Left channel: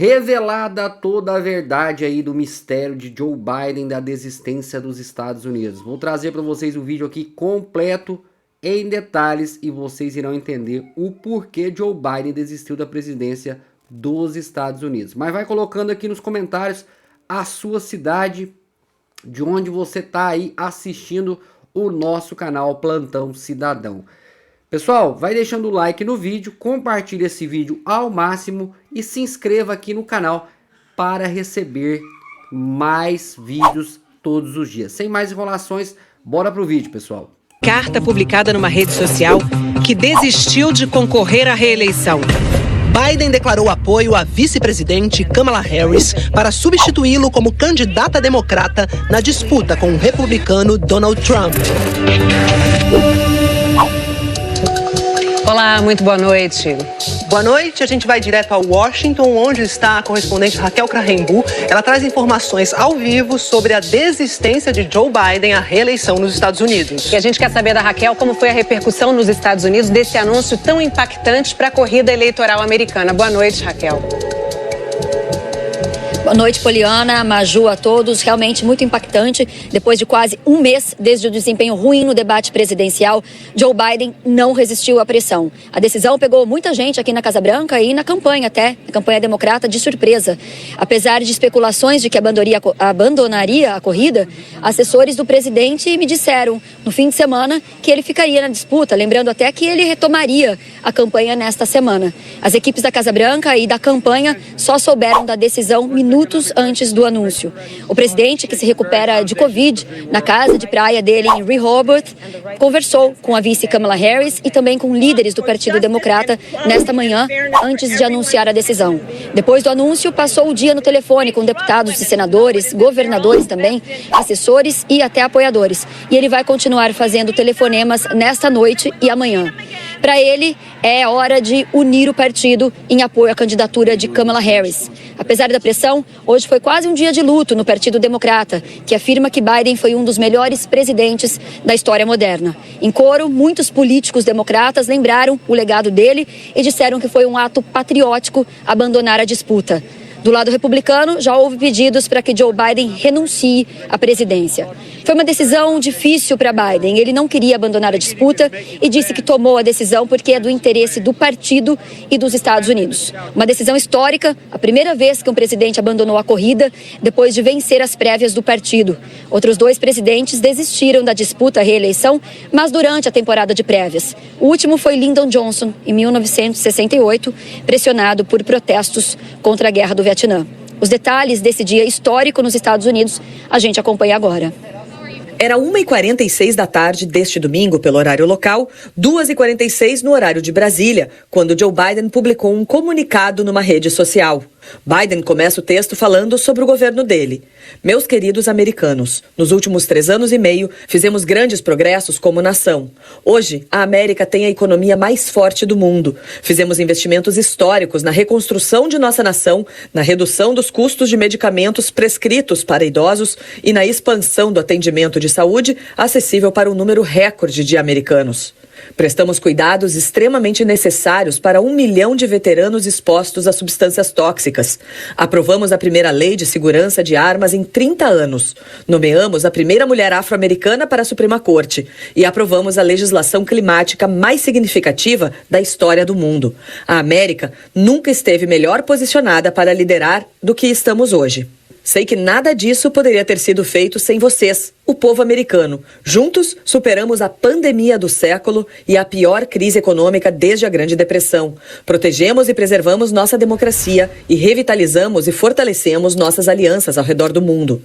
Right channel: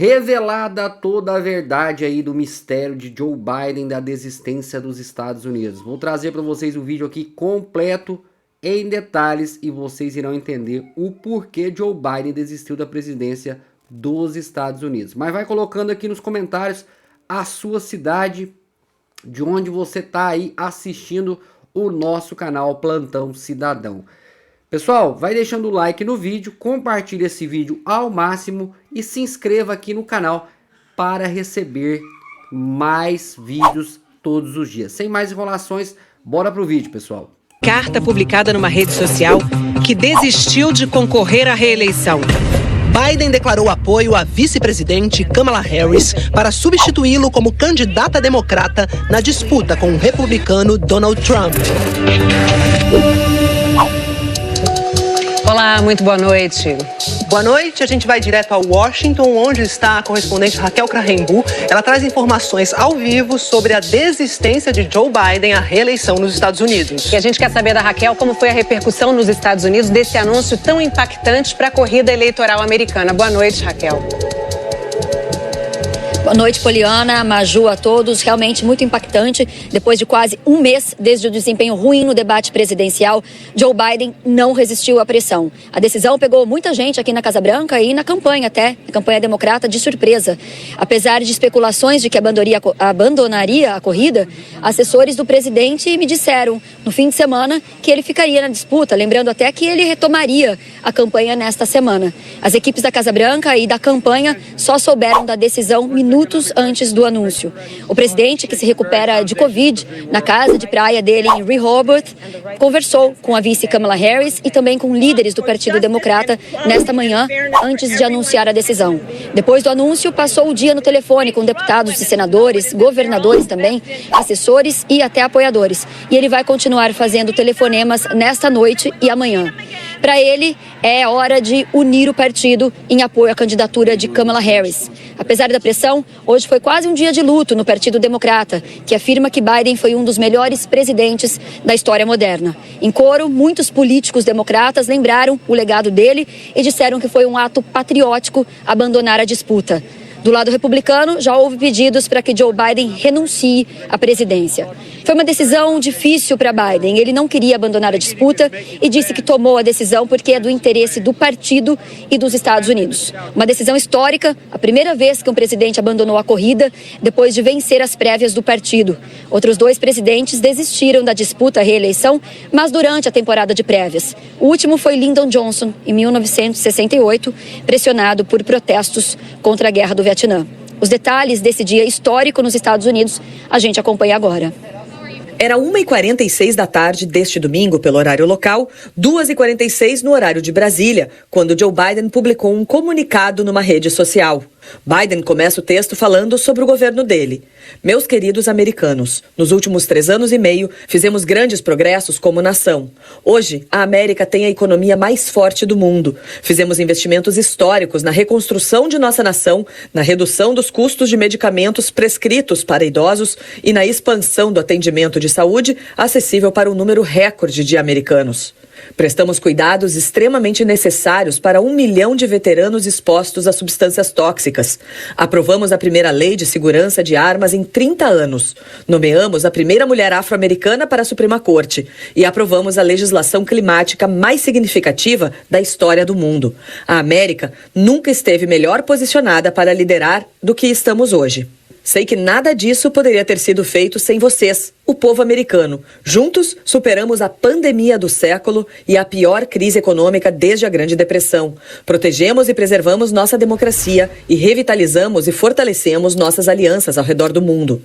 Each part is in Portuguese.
Revelada toda a verdade aí do mistério de Joe Biden da desistência dos Estados Unidos. Vou trazer para vocês o vídeo aqui completo em detalhes e vocês irão entender o porquê Joe Biden desistiu da presidência dos Estados Unidos. Mas vai colocando aqui nos comentários a sua cidade, de onde você está aí assistindo o nosso canal Plantão Cidadão. Pessoal, vai deixando o like no vídeo, compartilhe esse vídeo ao máximo e se inscreva aqui no canal para receber mais vídeos todos os dias. Sem mais enrolações, bora pro vídeo, pessoal. Carta publicada numa rede social que desistiu de concorrer à reeleição. Biden declarou apoio à vice-presidente Kamala Harris para substituí-lo como candidata democrata na disputa com o republicano Donald Trump. Olá, muito boa noite. Boa noite, a gente vai direto a Washington, onde está a correspondente Raquel Krahenbuhl. Ela traz informações ao vivo sobre a desistência de Joe Biden à reeleição nos Estados Unidos. E a gente quer saber da Raquel como foi a repercussão nos Estados Unidos desse anúncio tão impactante para a corrida eleitoral americana. Boa noite, Raquel. Boa noite, Poliana, Maju, a todos. Realmente muito impactante. Depois de quase um mês desde o desempenho ruim no debate presidencial, Joe Biden não resistiu à pressão. A decisão pegou muita gente aqui na Casa Branca e na campanha até, a campanha democrata, de surpresa. Apesar de especulações de que abandonaria a corrida, assessores do presidente me disseram no fim de semana que ele ficaria na disputa, lembrando até que ele retomaria a campanha nesta semana. As equipes da Casa Branca e da campanha só souberam da decisão minutos antes do anúncio. O presidente, que se recupera de Covid na casa de praia dele em Rehoboth, conversou com a vice Kamala Harris e também com líderes do Partido Democrata nesta manhã, antes de anunciar a decisão. Depois do anúncio, passou o dia no telefone com deputados e senadores, governadores também, assessores e até apoiadores. E ele vai continuar fazendo telefonemas nesta noite e amanhã. Para ele, é hora de unir o partido em apoio à candidatura de Kamala Harris. Apesar da pressão, hoje foi quase um dia de luto no Partido Democrata, que afirma que Biden foi um dos melhores presidentes da história moderna. Em coro, muitos políticos democratas lembraram o legado dele e disseram que foi um ato patriótico abandonar a disputa. Do lado republicano, já houve pedidos para que Joe Biden renuncie à presidência. Foi uma decisão difícil para Biden. Ele não queria abandonar a disputa e disse que tomou a decisão porque é do interesse do partido e dos Estados Unidos. Uma decisão histórica, a primeira vez que um presidente abandonou a corrida depois de vencer as prévias do partido. Outros dois presidentes desistiram da disputa à reeleição, mas durante a temporada de prévias. O último foi Lyndon Johnson, em 1968, pressionado por protestos contra a Guerra do Vietnã. Os detalhes desse dia histórico nos Estados Unidos a gente acompanha agora. Era 1h46 da tarde deste domingo, pelo horário local, 2h46 no horário de Brasília, quando Joe Biden publicou um comunicado numa rede social. Biden começa o texto falando sobre o governo dele. Meus queridos americanos, nos últimos 3 anos e meio, fizemos grandes progressos como nação. Hoje, a América tem a economia mais forte do mundo. Fizemos investimentos históricos na reconstrução de nossa nação, na redução dos custos de medicamentos prescritos para idosos e na expansão do atendimento de saúde acessível para um número recorde de americanos. Prestamos cuidados extremamente necessários para 1 milhão de veteranos expostos a substâncias tóxicas. Aprovamos a primeira lei de segurança de armas em 30 anos. Nomeamos a primeira mulher afro-americana para a Suprema Corte. E aprovamos a legislação climática mais significativa da história do mundo. A América nunca esteve melhor posicionada para liderar do que estamos hoje. Sei que nada disso poderia ter sido feito sem vocês, o povo americano. Juntos, superamos a pandemia do século e a pior crise econômica desde a Grande Depressão. Protegemos e preservamos nossa democracia e revitalizamos e fortalecemos nossas alianças ao redor do mundo.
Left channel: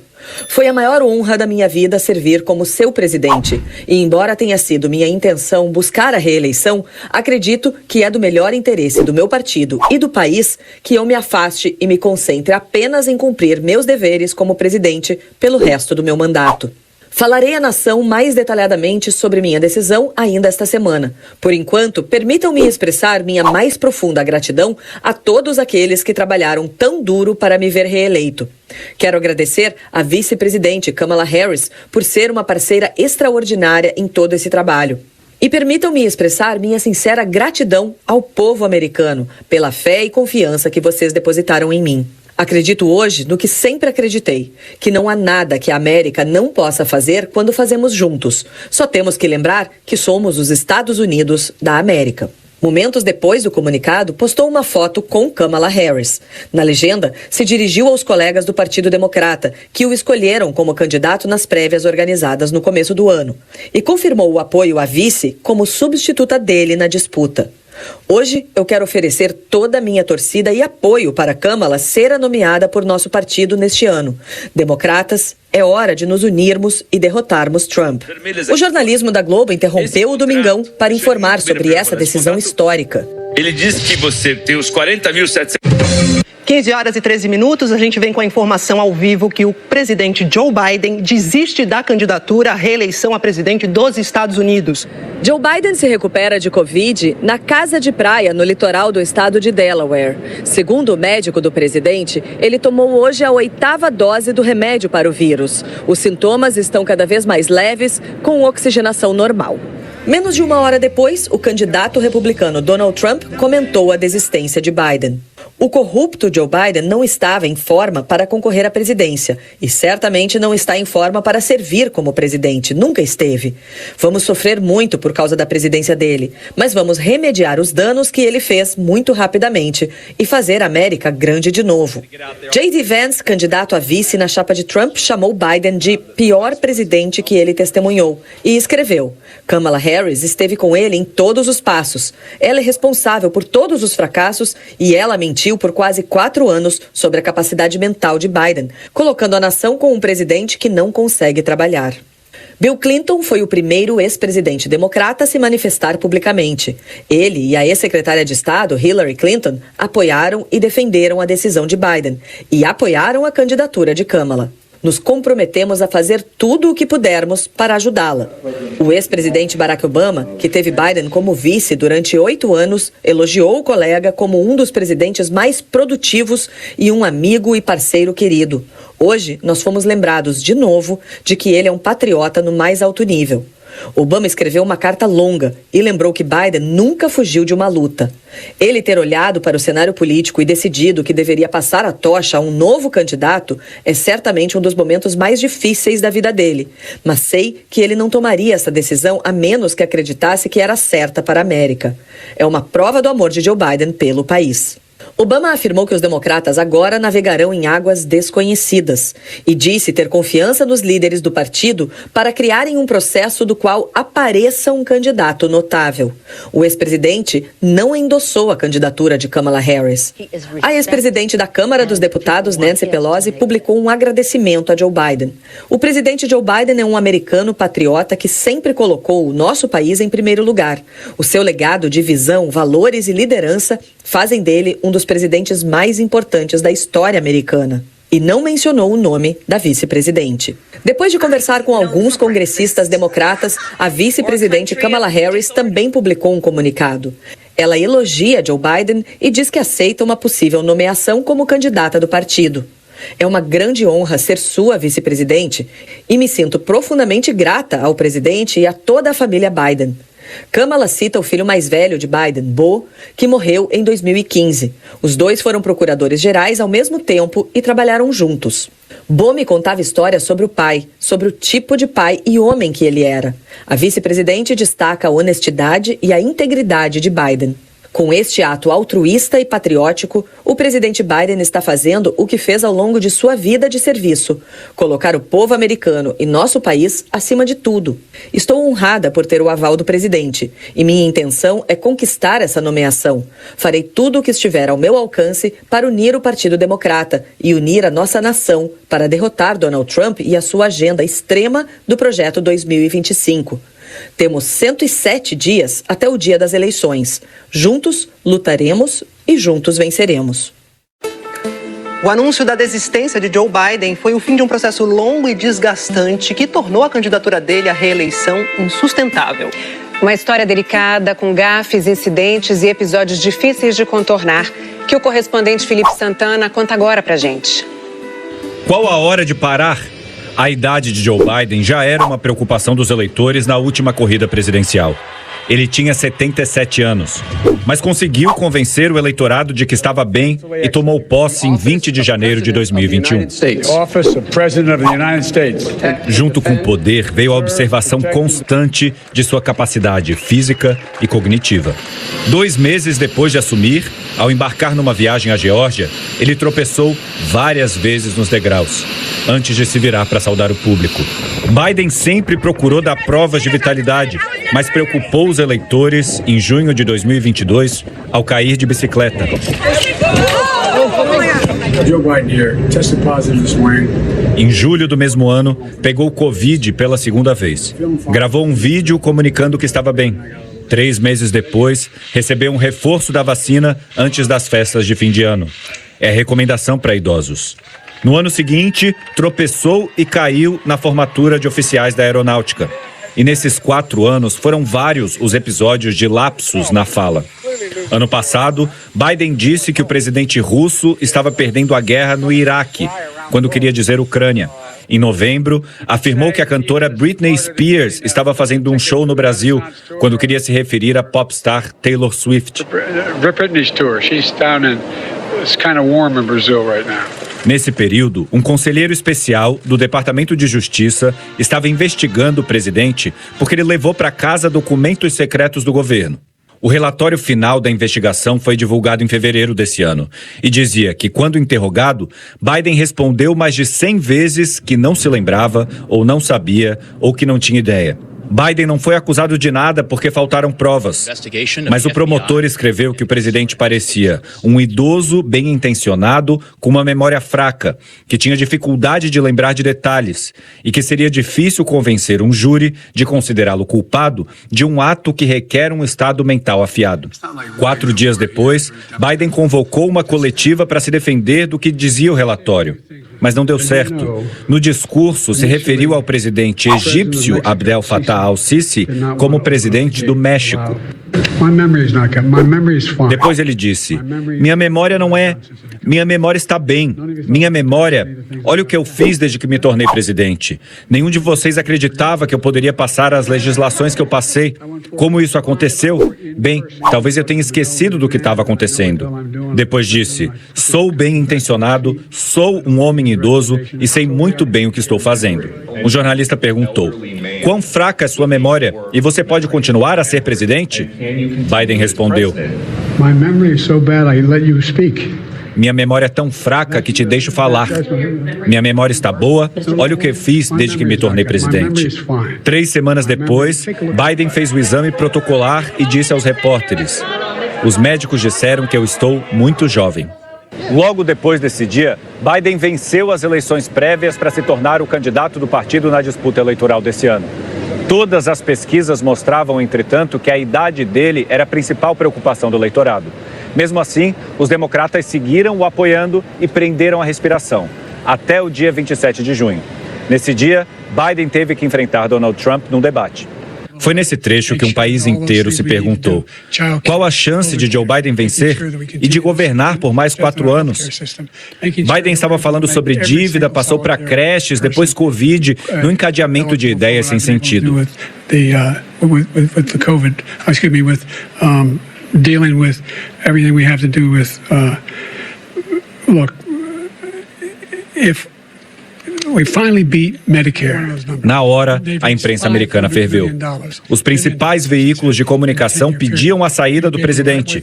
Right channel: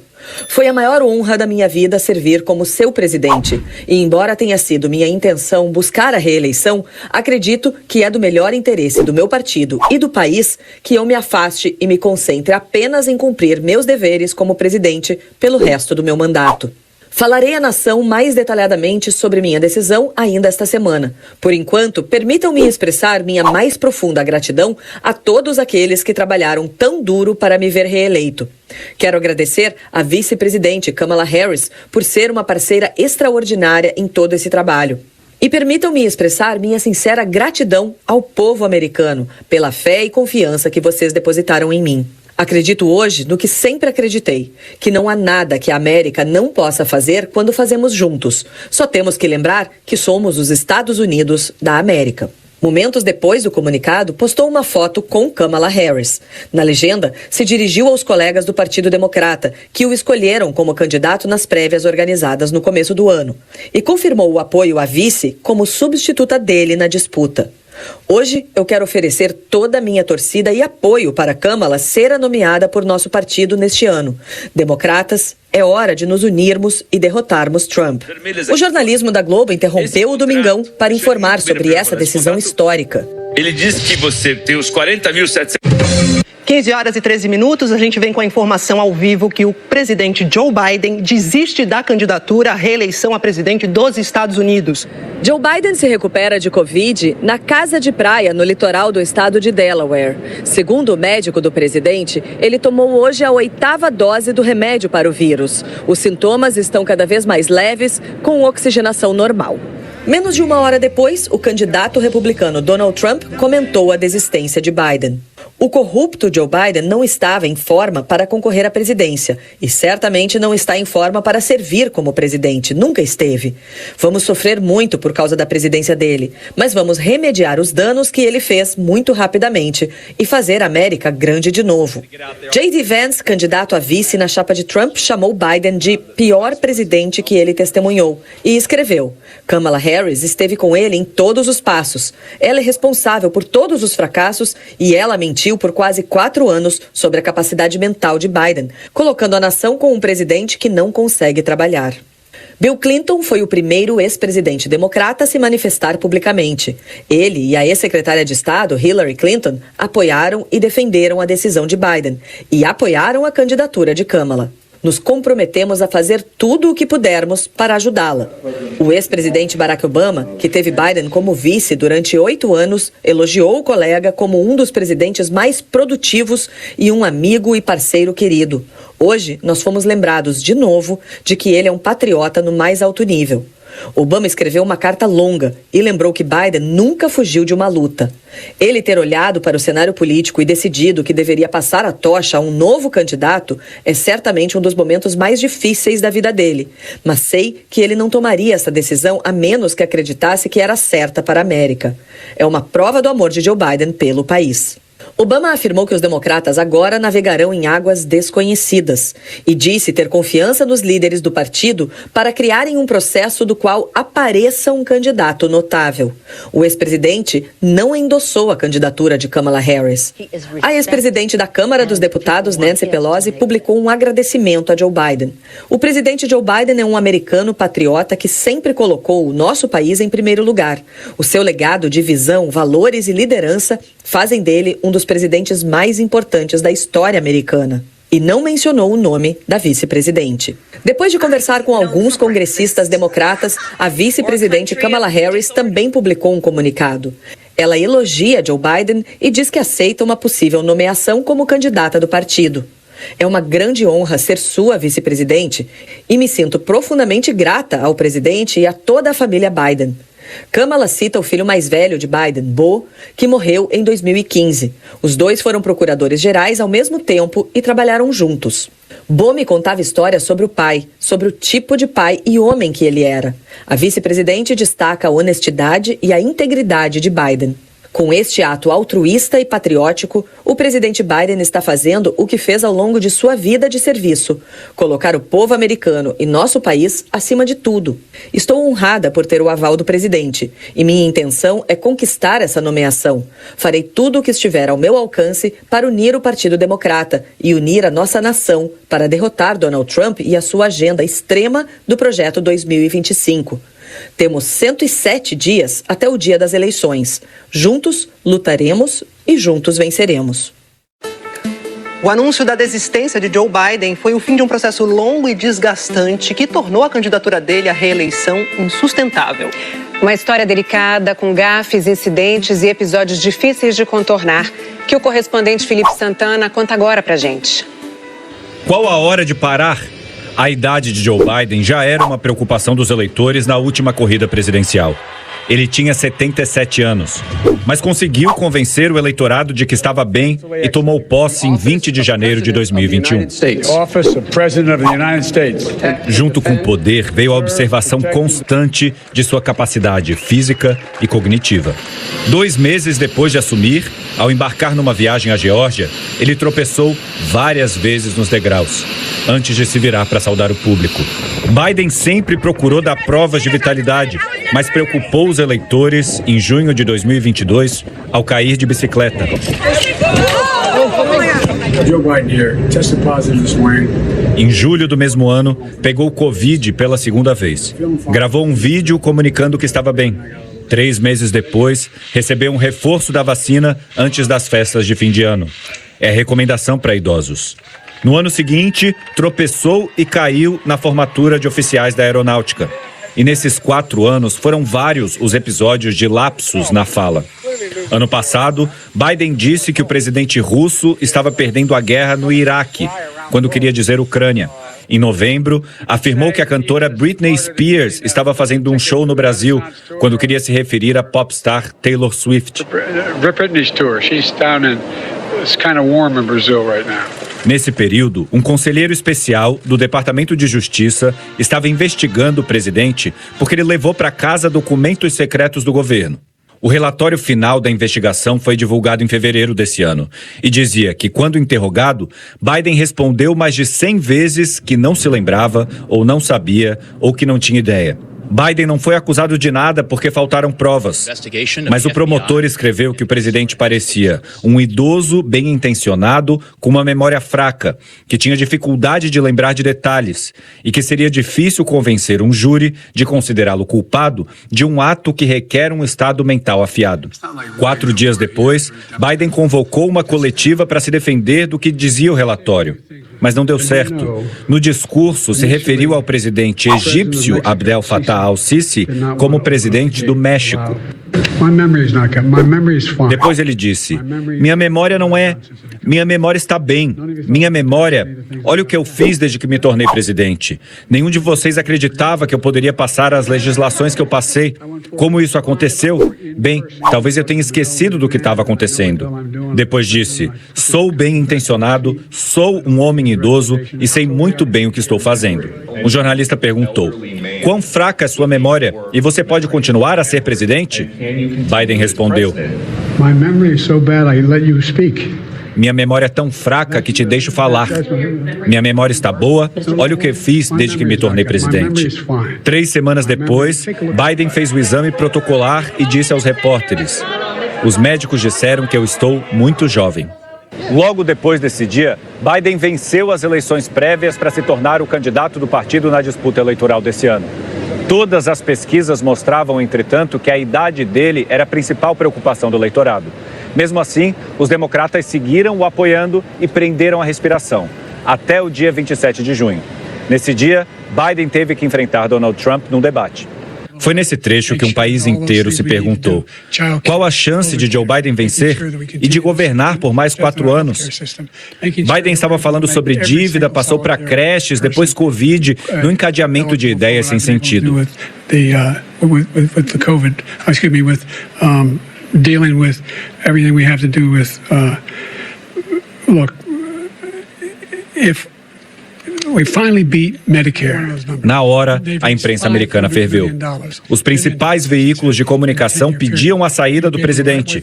Foi a maior honra da minha vida servir como seu presidente. E embora tenha sido minha intenção buscar a reeleição, acredito que é do melhor interesse do meu partido e do país que eu me afaste e me concentre apenas em cumprir meus deveres como presidente pelo resto do meu mandato. Falarei à nação mais detalhadamente sobre minha decisão ainda esta semana. Por enquanto, permitam-me expressar minha mais profunda gratidão a todos aqueles que trabalharam tão duro para me ver reeleito. Quero agradecer à vice-presidente Kamala Harris por ser uma parceira extraordinária em todo esse trabalho. E permitam-me expressar minha sincera gratidão ao povo americano pela fé e confiança que vocês depositaram em mim. Acredito hoje no que sempre acreditei, que não há nada que a América não possa fazer quando fazemos juntos. Só temos que lembrar que somos os Estados Unidos da América. Momentos depois do comunicado, postou uma foto com Kamala Harris. Na legenda, se dirigiu aos colegas do Partido Democrata, que o escolheram como candidato nas prévias organizadas no começo do ano, e confirmou o apoio à vice como substituta dele na disputa. Hoje, eu quero oferecer toda a minha torcida e apoio para Kamala ser a nomeada por nosso partido neste ano. Democratas, é hora de nos unirmos e derrotarmos Trump. O jornalismo da Globo interrompeu o Domingão para informar sobre essa decisão histórica. Ele disse que você tem os 40.700... 15 horas e 13 minutos, a gente vem com a informação ao vivo que o presidente Joe Biden desiste da candidatura à reeleição a presidente dos Estados Unidos. Joe Biden se recupera de Covid na casa de praia no litoral do estado de Delaware. Segundo o médico do presidente, ele tomou hoje a 8ª dose do remédio para o vírus. Os sintomas estão cada vez mais leves, com oxigenação normal. Menos de uma hora depois, o candidato republicano Donald Trump comentou a desistência de Biden. O corrupto Joe Biden não estava em forma para concorrer à presidência e certamente não está em forma para servir como presidente, nunca esteve. Vamos sofrer muito por causa da presidência dele, mas vamos remediar os danos que ele fez muito rapidamente e fazer a América grande de novo. J.D. Vance, candidato a vice na chapa de Trump, chamou Biden de pior presidente que ele testemunhou e escreveu: Kamala Harris esteve com ele em todos os passos. Ela é responsável por todos os fracassos e ela mentiu por quase 4 anos sobre a capacidade mental de Biden, colocando a nação com um presidente que não consegue trabalhar. Bill Clinton foi o primeiro ex-presidente democrata a se manifestar publicamente. Ele e a ex-secretária de Estado, Hillary Clinton, apoiaram e defenderam a decisão de Biden e apoiaram a candidatura de Kamala. Nos comprometemos a fazer tudo o que pudermos para ajudá-la. O ex-presidente Barack Obama, que teve Biden como vice durante 8 anos, elogiou o colega como um dos presidentes mais produtivos e um amigo e parceiro querido. Hoje, nós fomos lembrados de novo de que ele é um patriota no mais alto nível. Obama escreveu uma carta longa e lembrou que Biden nunca fugiu de uma luta. Ele ter olhado para o cenário político e decidido que deveria passar a tocha a um novo candidato é certamente um dos momentos mais difíceis da vida dele. Mas sei que ele não tomaria essa decisão a menos que acreditasse que era certa para a América. É uma prova do amor de Joe Biden pelo país. Obama afirmou que os democratas agora navegarão em águas desconhecidas e disse ter confiança nos líderes do partido para criarem um processo do qual apareça um candidato notável. O ex-presidente não endossou a candidatura de Kamala Harris. A ex-presidente da Câmara dos Deputados, Nancy Pelosi, publicou um agradecimento a Joe Biden. O presidente Joe Biden é um americano patriota que sempre colocou o nosso país em primeiro lugar. O seu legado de visão, valores e liderança fazem dele um dos presidentes mais importantes da história americana. E não mencionou o nome da vice-presidente. Depois de conversar com alguns congressistas democratas, a vice-presidente Kamala Harris também publicou um comunicado. Ela elogia Joe Biden e diz que aceita uma possível nomeação como candidata do partido. É uma grande honra ser sua vice-presidente e me sinto profundamente grata ao presidente e a toda a família Biden. Kamala cita o filho mais velho de Biden, Beau, que morreu em 2015. Os dois foram procuradores gerais ao mesmo tempo e trabalharam juntos. Beau me contava histórias sobre o pai, sobre o tipo de pai e homem que ele era. A vice-presidente destaca a honestidade e a integridade de Biden. Com este ato altruísta e patriótico, o presidente Biden está fazendo o que fez ao longo de sua vida de serviço: colocar o povo americano e nosso país acima de tudo. Estou honrada por ter o aval do presidente e minha intenção é conquistar essa nomeação. Farei tudo o que estiver ao meu alcance para unir o Partido Democrata e unir a nossa nação para derrotar Donald Trump e a sua agenda extrema do Projeto 2025. Temos 107 dias até o dia das eleições. Juntos lutaremos e juntos venceremos. O anúncio da desistência de Joe Biden foi o fim de um processo longo e desgastante que tornou a candidatura dele à reeleição insustentável. Uma história delicada, com gafes, incidentes e episódios difíceis de contornar, que o correspondente Felipe Santana conta agora pra gente. Qual a hora de parar? A idade de Joe Biden já era uma preocupação dos eleitores na última corrida presidencial. Ele tinha 77 anos, mas conseguiu convencer o eleitorado de que estava bem e tomou posse em 20 de janeiro de 2021. Junto com o poder veio a observação constante de sua capacidade física e cognitiva. 2 meses depois de assumir, ao embarcar numa viagem à Geórgia, ele tropeçou várias vezes nos degraus, antes de se virar para saudar o público. Biden sempre procurou dar provas de vitalidade, mas preocupou os eleitores em junho de 2022 ao cair de bicicleta. Joe Biden here tested positive this morning. Em julho do mesmo ano, pegou Covid pela segunda vez. Gravou um vídeo comunicando que estava bem. 3 meses depois, recebeu um reforço da vacina antes das festas de fim de ano. É recomendação para idosos. No ano seguinte, tropeçou e caiu na formatura de oficiais da aeronáutica. E nesses 4 anos, foram vários os episódios de lapsos na fala. Ano passado, Biden disse que o presidente russo estava perdendo a guerra no Iraque, quando queria dizer Ucrânia. Em novembro, afirmou que a cantora Britney Spears estava fazendo um show no Brasil, quando queria se referir à popstar Taylor Swift. Britney's tour. She's down in. It's kind of warm in Brazil right now. Nesse período, um conselheiro especial do Departamento de Justiça estava investigando o presidente porque ele levou para casa documentos secretos do governo. O relatório final da investigação foi divulgado em fevereiro desse ano e dizia que, quando interrogado, Biden respondeu mais de 100 vezes que não se lembrava, ou não sabia, ou que não tinha ideia. Biden não foi acusado de nada porque faltaram provas. Mas o promotor escreveu que o presidente parecia um idoso bem intencionado com uma memória fraca, que tinha dificuldade de lembrar de detalhes e que seria difícil convencer um júri de considerá-lo culpado de um ato que requer um estado mental afiado. 4 dias depois, Biden convocou uma coletiva para se defender do que dizia o relatório. Mas não deu certo. No discurso, se referiu ao presidente egípcio Abdel Fattah al-Sisi como presidente do México. Depois ele disse: minha memória não é... Minha memória está bem. Minha memória... Olha o que eu fiz desde que me tornei presidente. Nenhum de vocês acreditava que eu poderia passar as legislações que eu passei. Como isso aconteceu? Bem, talvez eu tenha esquecido do que estava acontecendo. Depois disse: sou bem intencionado, sou um homem idoso e sei muito bem o que estou fazendo. Um jornalista perguntou: quão fraca é sua memória e você pode continuar a ser presidente? Biden respondeu: My memory is so bad I let you speak. minha memória é tão fraca que te deixo falar. Minha memória está boa, olha o que fiz desde que me tornei presidente. 3 semanas depois, Biden fez o exame protocolar e disse aos repórteres: os médicos disseram que eu estou muito jovem. Logo depois desse dia, Biden venceu as eleições prévias para se tornar o candidato do partido na disputa eleitoral desse ano. Todas as pesquisas mostravam, entretanto, que a idade dele era a principal preocupação do eleitorado. Mesmo assim, os democratas seguiram o apoiando e prenderam a respiração, até o dia 27 de junho. Nesse dia, Biden teve que enfrentar Donald Trump num debate. Foi nesse trecho que um país inteiro se perguntou: qual a chance de Joe Biden vencer e de governar por mais 4 anos? Biden estava falando sobre dívida, passou para creches, depois Covid, no encadeamento de ideias sem sentido. Dealing with everything we have to do with, look, if we finally beat Medicare. Na hora, a imprensa americana ferveu. Os principais veículos de comunicação pediam a saída do presidente.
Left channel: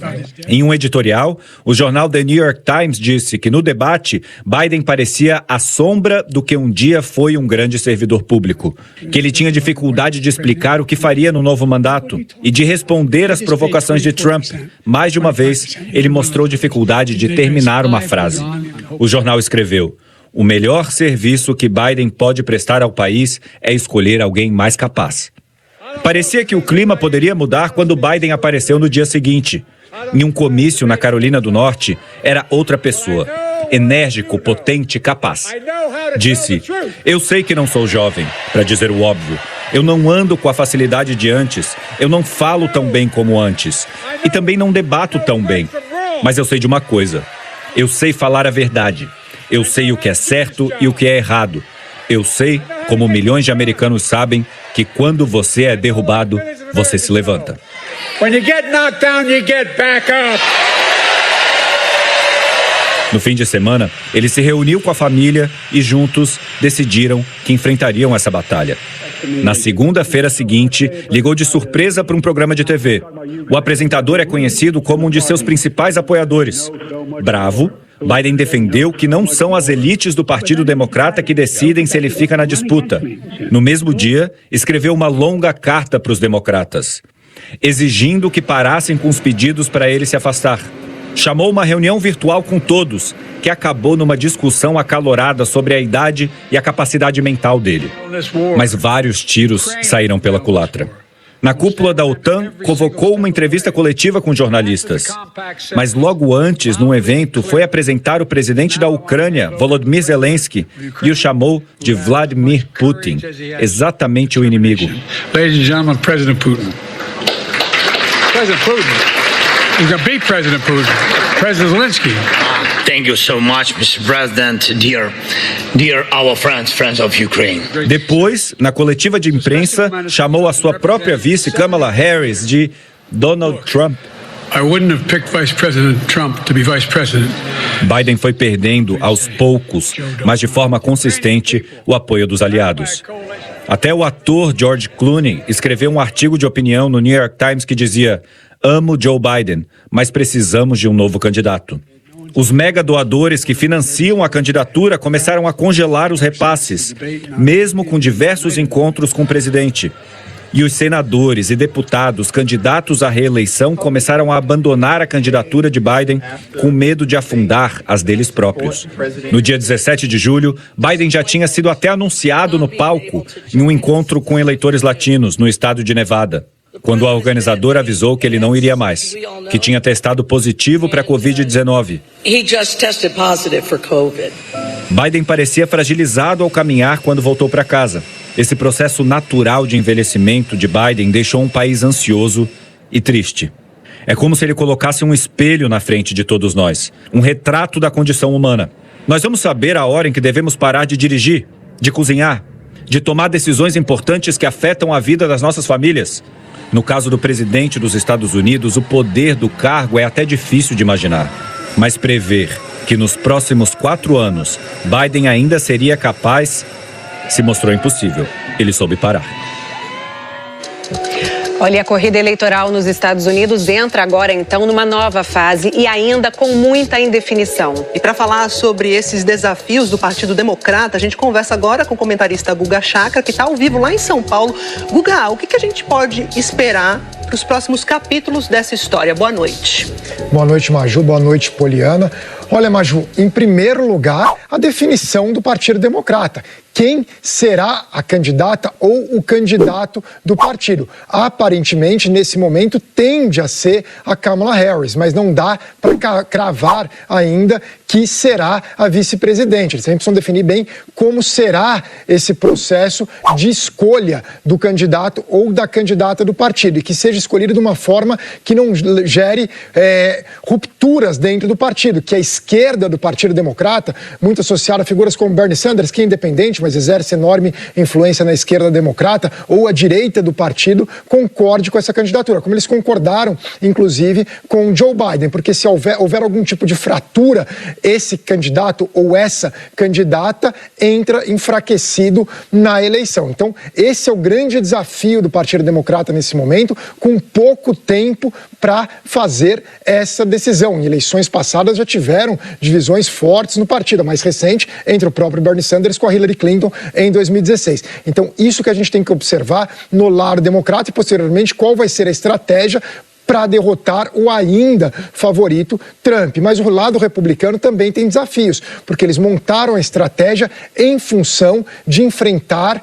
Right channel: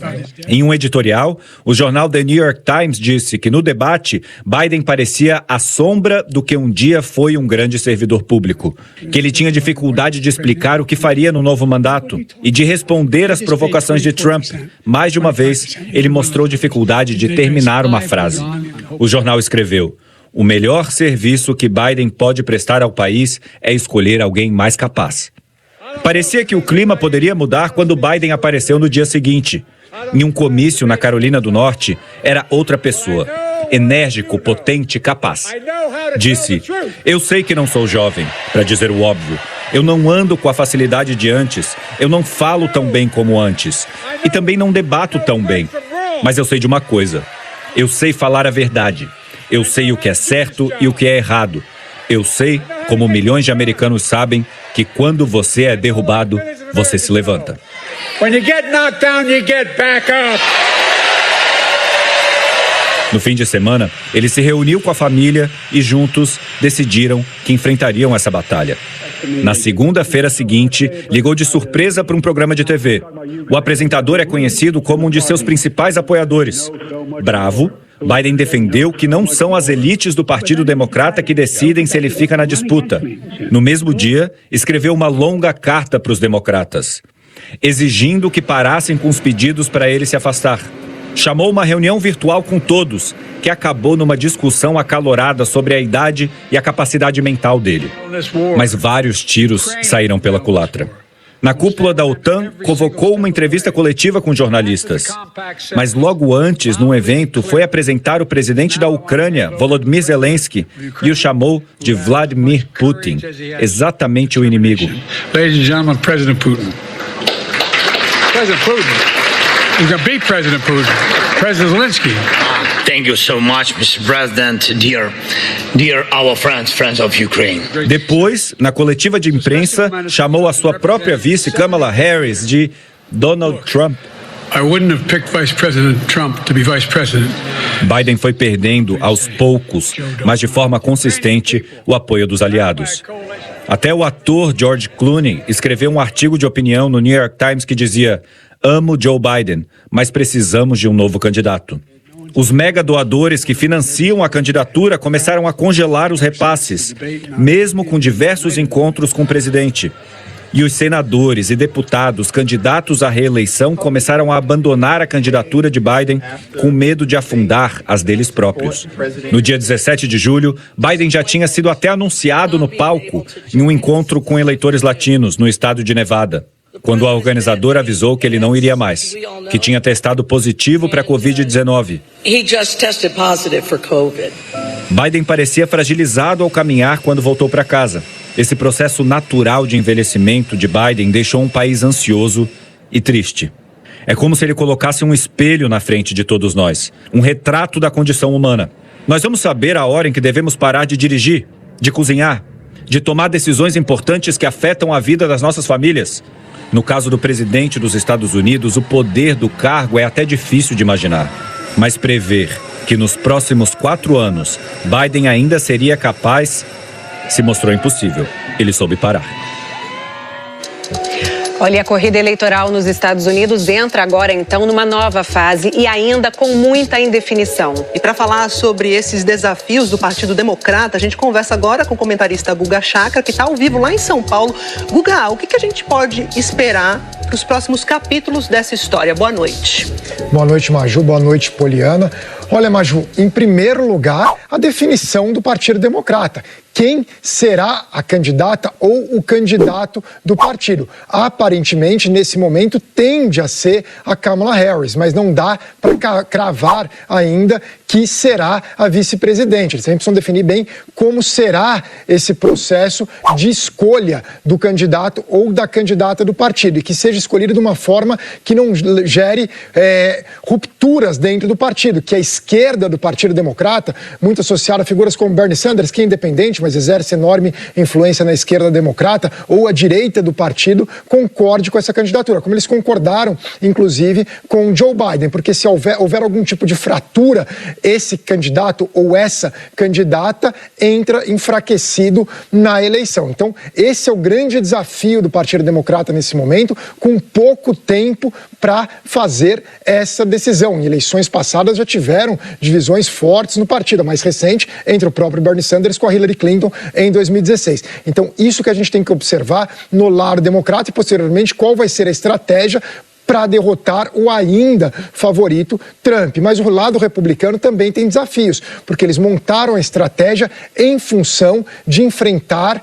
Em um editorial, o jornal The New York Times disse que no debate, Biden parecia a sombra do que um dia foi um grande servidor público, que ele tinha dificuldade de explicar o que faria no novo mandato e de responder às provocações de Trump. Mais de uma vez, ele mostrou dificuldade de terminar uma frase. O jornal escreveu: o melhor serviço que Biden pode prestar ao país é escolher alguém mais capaz. Parecia que o clima poderia mudar quando Biden apareceu no dia seguinte. Em um comício na Carolina do Norte, era outra pessoa. Enérgico, potente, capaz. Disse: eu sei que não sou jovem, para dizer o óbvio. Eu não ando com a facilidade de antes. Eu não falo tão bem como antes. E também não debato tão bem. Mas eu sei de uma coisa. Eu sei falar a verdade. Eu sei o que é certo e o que é errado. Eu sei, como milhões de americanos sabem, que quando você é derrubado, você se levanta. When you get knocked down, you get back up. No fim de semana, ele se reuniu com a família e juntos decidiram que enfrentariam essa batalha. Na segunda-feira seguinte, ligou de surpresa para um programa de TV. O apresentador é conhecido como um de seus principais apoiadores. Bravo, Biden defendeu que não são as elites do Partido Democrata que decidem se ele fica na disputa. No mesmo dia, escreveu uma longa carta para os democratas, exigindo que parassem com os pedidos para ele se afastar. Chamou uma reunião virtual com todos, que acabou numa discussão acalorada sobre a idade e a capacidade mental dele. Mas vários tiros saíram pela culatra. Na cúpula da OTAN, convocou uma entrevista coletiva com jornalistas. Mas logo antes, num evento, foi apresentar o presidente da Ucrânia, Volodymyr Zelensky, e o chamou de Vladimir Putin, exatamente o inimigo. Ladies and gentlemen, President Putin. President Putin. He's a big President Putin. President Zelensky. Thank you so much, Mr. President, dear our friends of Ukraine. Depois, na coletiva de imprensa, chamou a sua própria vice, Kamala Harris, de Donald Trump. I wouldn't have picked Vice President Trump to be Vice President. Biden foi perdendo, aos poucos, mas de forma consistente, o apoio dos aliados. Até o ator George Clooney escreveu um artigo de opinião no New York Times que dizia: "Amo Joe Biden, mas precisamos de um novo candidato." Os mega doadores que financiam a candidatura começaram a congelar os repasses, mesmo com diversos encontros com o presidente. E os senadores e deputados candidatos à reeleição começaram a abandonar a candidatura de Biden com medo de afundar as deles próprios. No dia 17 de julho, Biden já tinha sido até anunciado no palco em um encontro com eleitores latinos no estado de Nevada, quando a organizadora avisou que ele não iria mais, que tinha testado positivo para a Covid-19. He just tested positive for COVID. Biden parecia fragilizado ao caminhar quando voltou para casa. Esse processo natural de envelhecimento de Biden deixou um país ansioso e triste. É como se ele colocasse um espelho na frente de todos nós, um retrato da condição humana. Nós vamos saber a hora em que devemos parar de dirigir, de cozinhar, de tomar decisões importantes que afetam a vida das nossas famílias. No caso do presidente dos Estados Unidos, o poder do cargo é até difícil de imaginar. Mas prever que nos próximos 4 anos Biden ainda seria capaz se mostrou impossível. Ele soube parar. Olha, a corrida eleitoral nos Estados Unidos entra agora, então, numa nova fase e ainda com muita indefinição. E para falar sobre esses desafios do Partido Democrata, a gente conversa agora com o comentarista Guga Chakra, que está ao vivo lá em São Paulo. Guga, o que a gente pode esperar para os próximos capítulos dessa história? Boa noite. Boa noite, Maju. Boa noite, Poliana. Olha, Maju, em primeiro lugar, a definição do Partido Democrata. Quem será a candidata ou o candidato do partido? Aparentemente, nesse momento, tende a ser a Kamala Harris, mas não dá para cravar ainda que será a vice-presidente. Eles sempre precisam definir bem como será esse processo de escolha do candidato ou da candidata do partido, e que seja escolhido de uma forma que não gere rupturas dentro do partido, que a esquerda do Partido Democrata, muito associada a figuras como Bernie Sanders, que é independente, mas exerce enorme influência na esquerda democrata, ou a direita do partido, concorde com essa candidatura, como eles concordaram, inclusive, com Joe Biden, porque se houver algum tipo de fratura, esse candidato ou essa candidata entra enfraquecido na eleição. Então, esse é o grande desafio do Partido Democrata nesse momento, com pouco tempo para fazer essa decisão. Em eleições passadas já tiveram divisões fortes no partido, a mais recente entre o próprio Bernie Sanders com a Hillary Clinton em 2016. Então, isso que a gente tem que observar no lado democrata e, posteriormente, qual vai ser a estratégia para derrotar o ainda favorito Trump. Mas o lado republicano também tem desafios, porque eles montaram a estratégia em função de enfrentar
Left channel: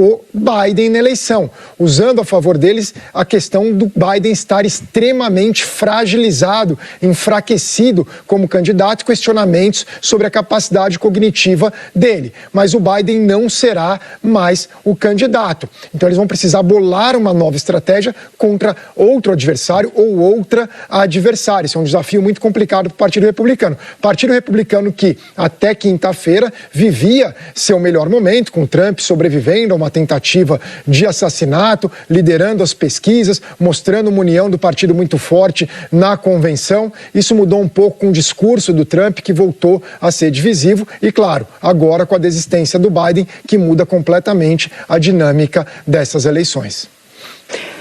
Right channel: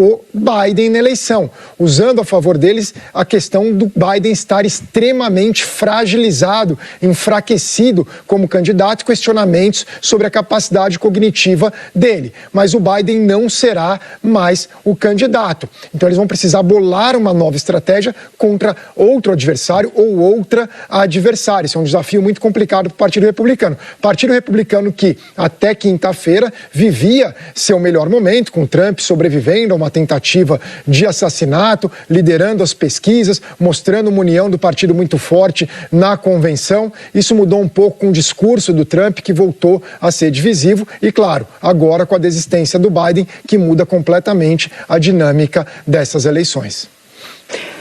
o Biden na eleição, usando a favor deles a questão do Biden estar extremamente fragilizado, enfraquecido como candidato, questionamentos sobre a capacidade cognitiva dele. Mas o Biden não será mais o candidato. Então eles vão precisar bolar uma nova estratégia contra outro adversário ou outra adversária. Isso é um desafio muito complicado para o Partido Republicano. Partido Republicano que até quinta-feira vivia seu melhor momento, com Trump sobrevivendo a uma uma tentativa de assassinato, liderando as pesquisas, mostrando uma união do partido muito forte na convenção. Isso mudou um pouco com o discurso do Trump, que voltou a ser divisivo, e claro, agora com a desistência do Biden, que muda completamente a dinâmica dessas eleições.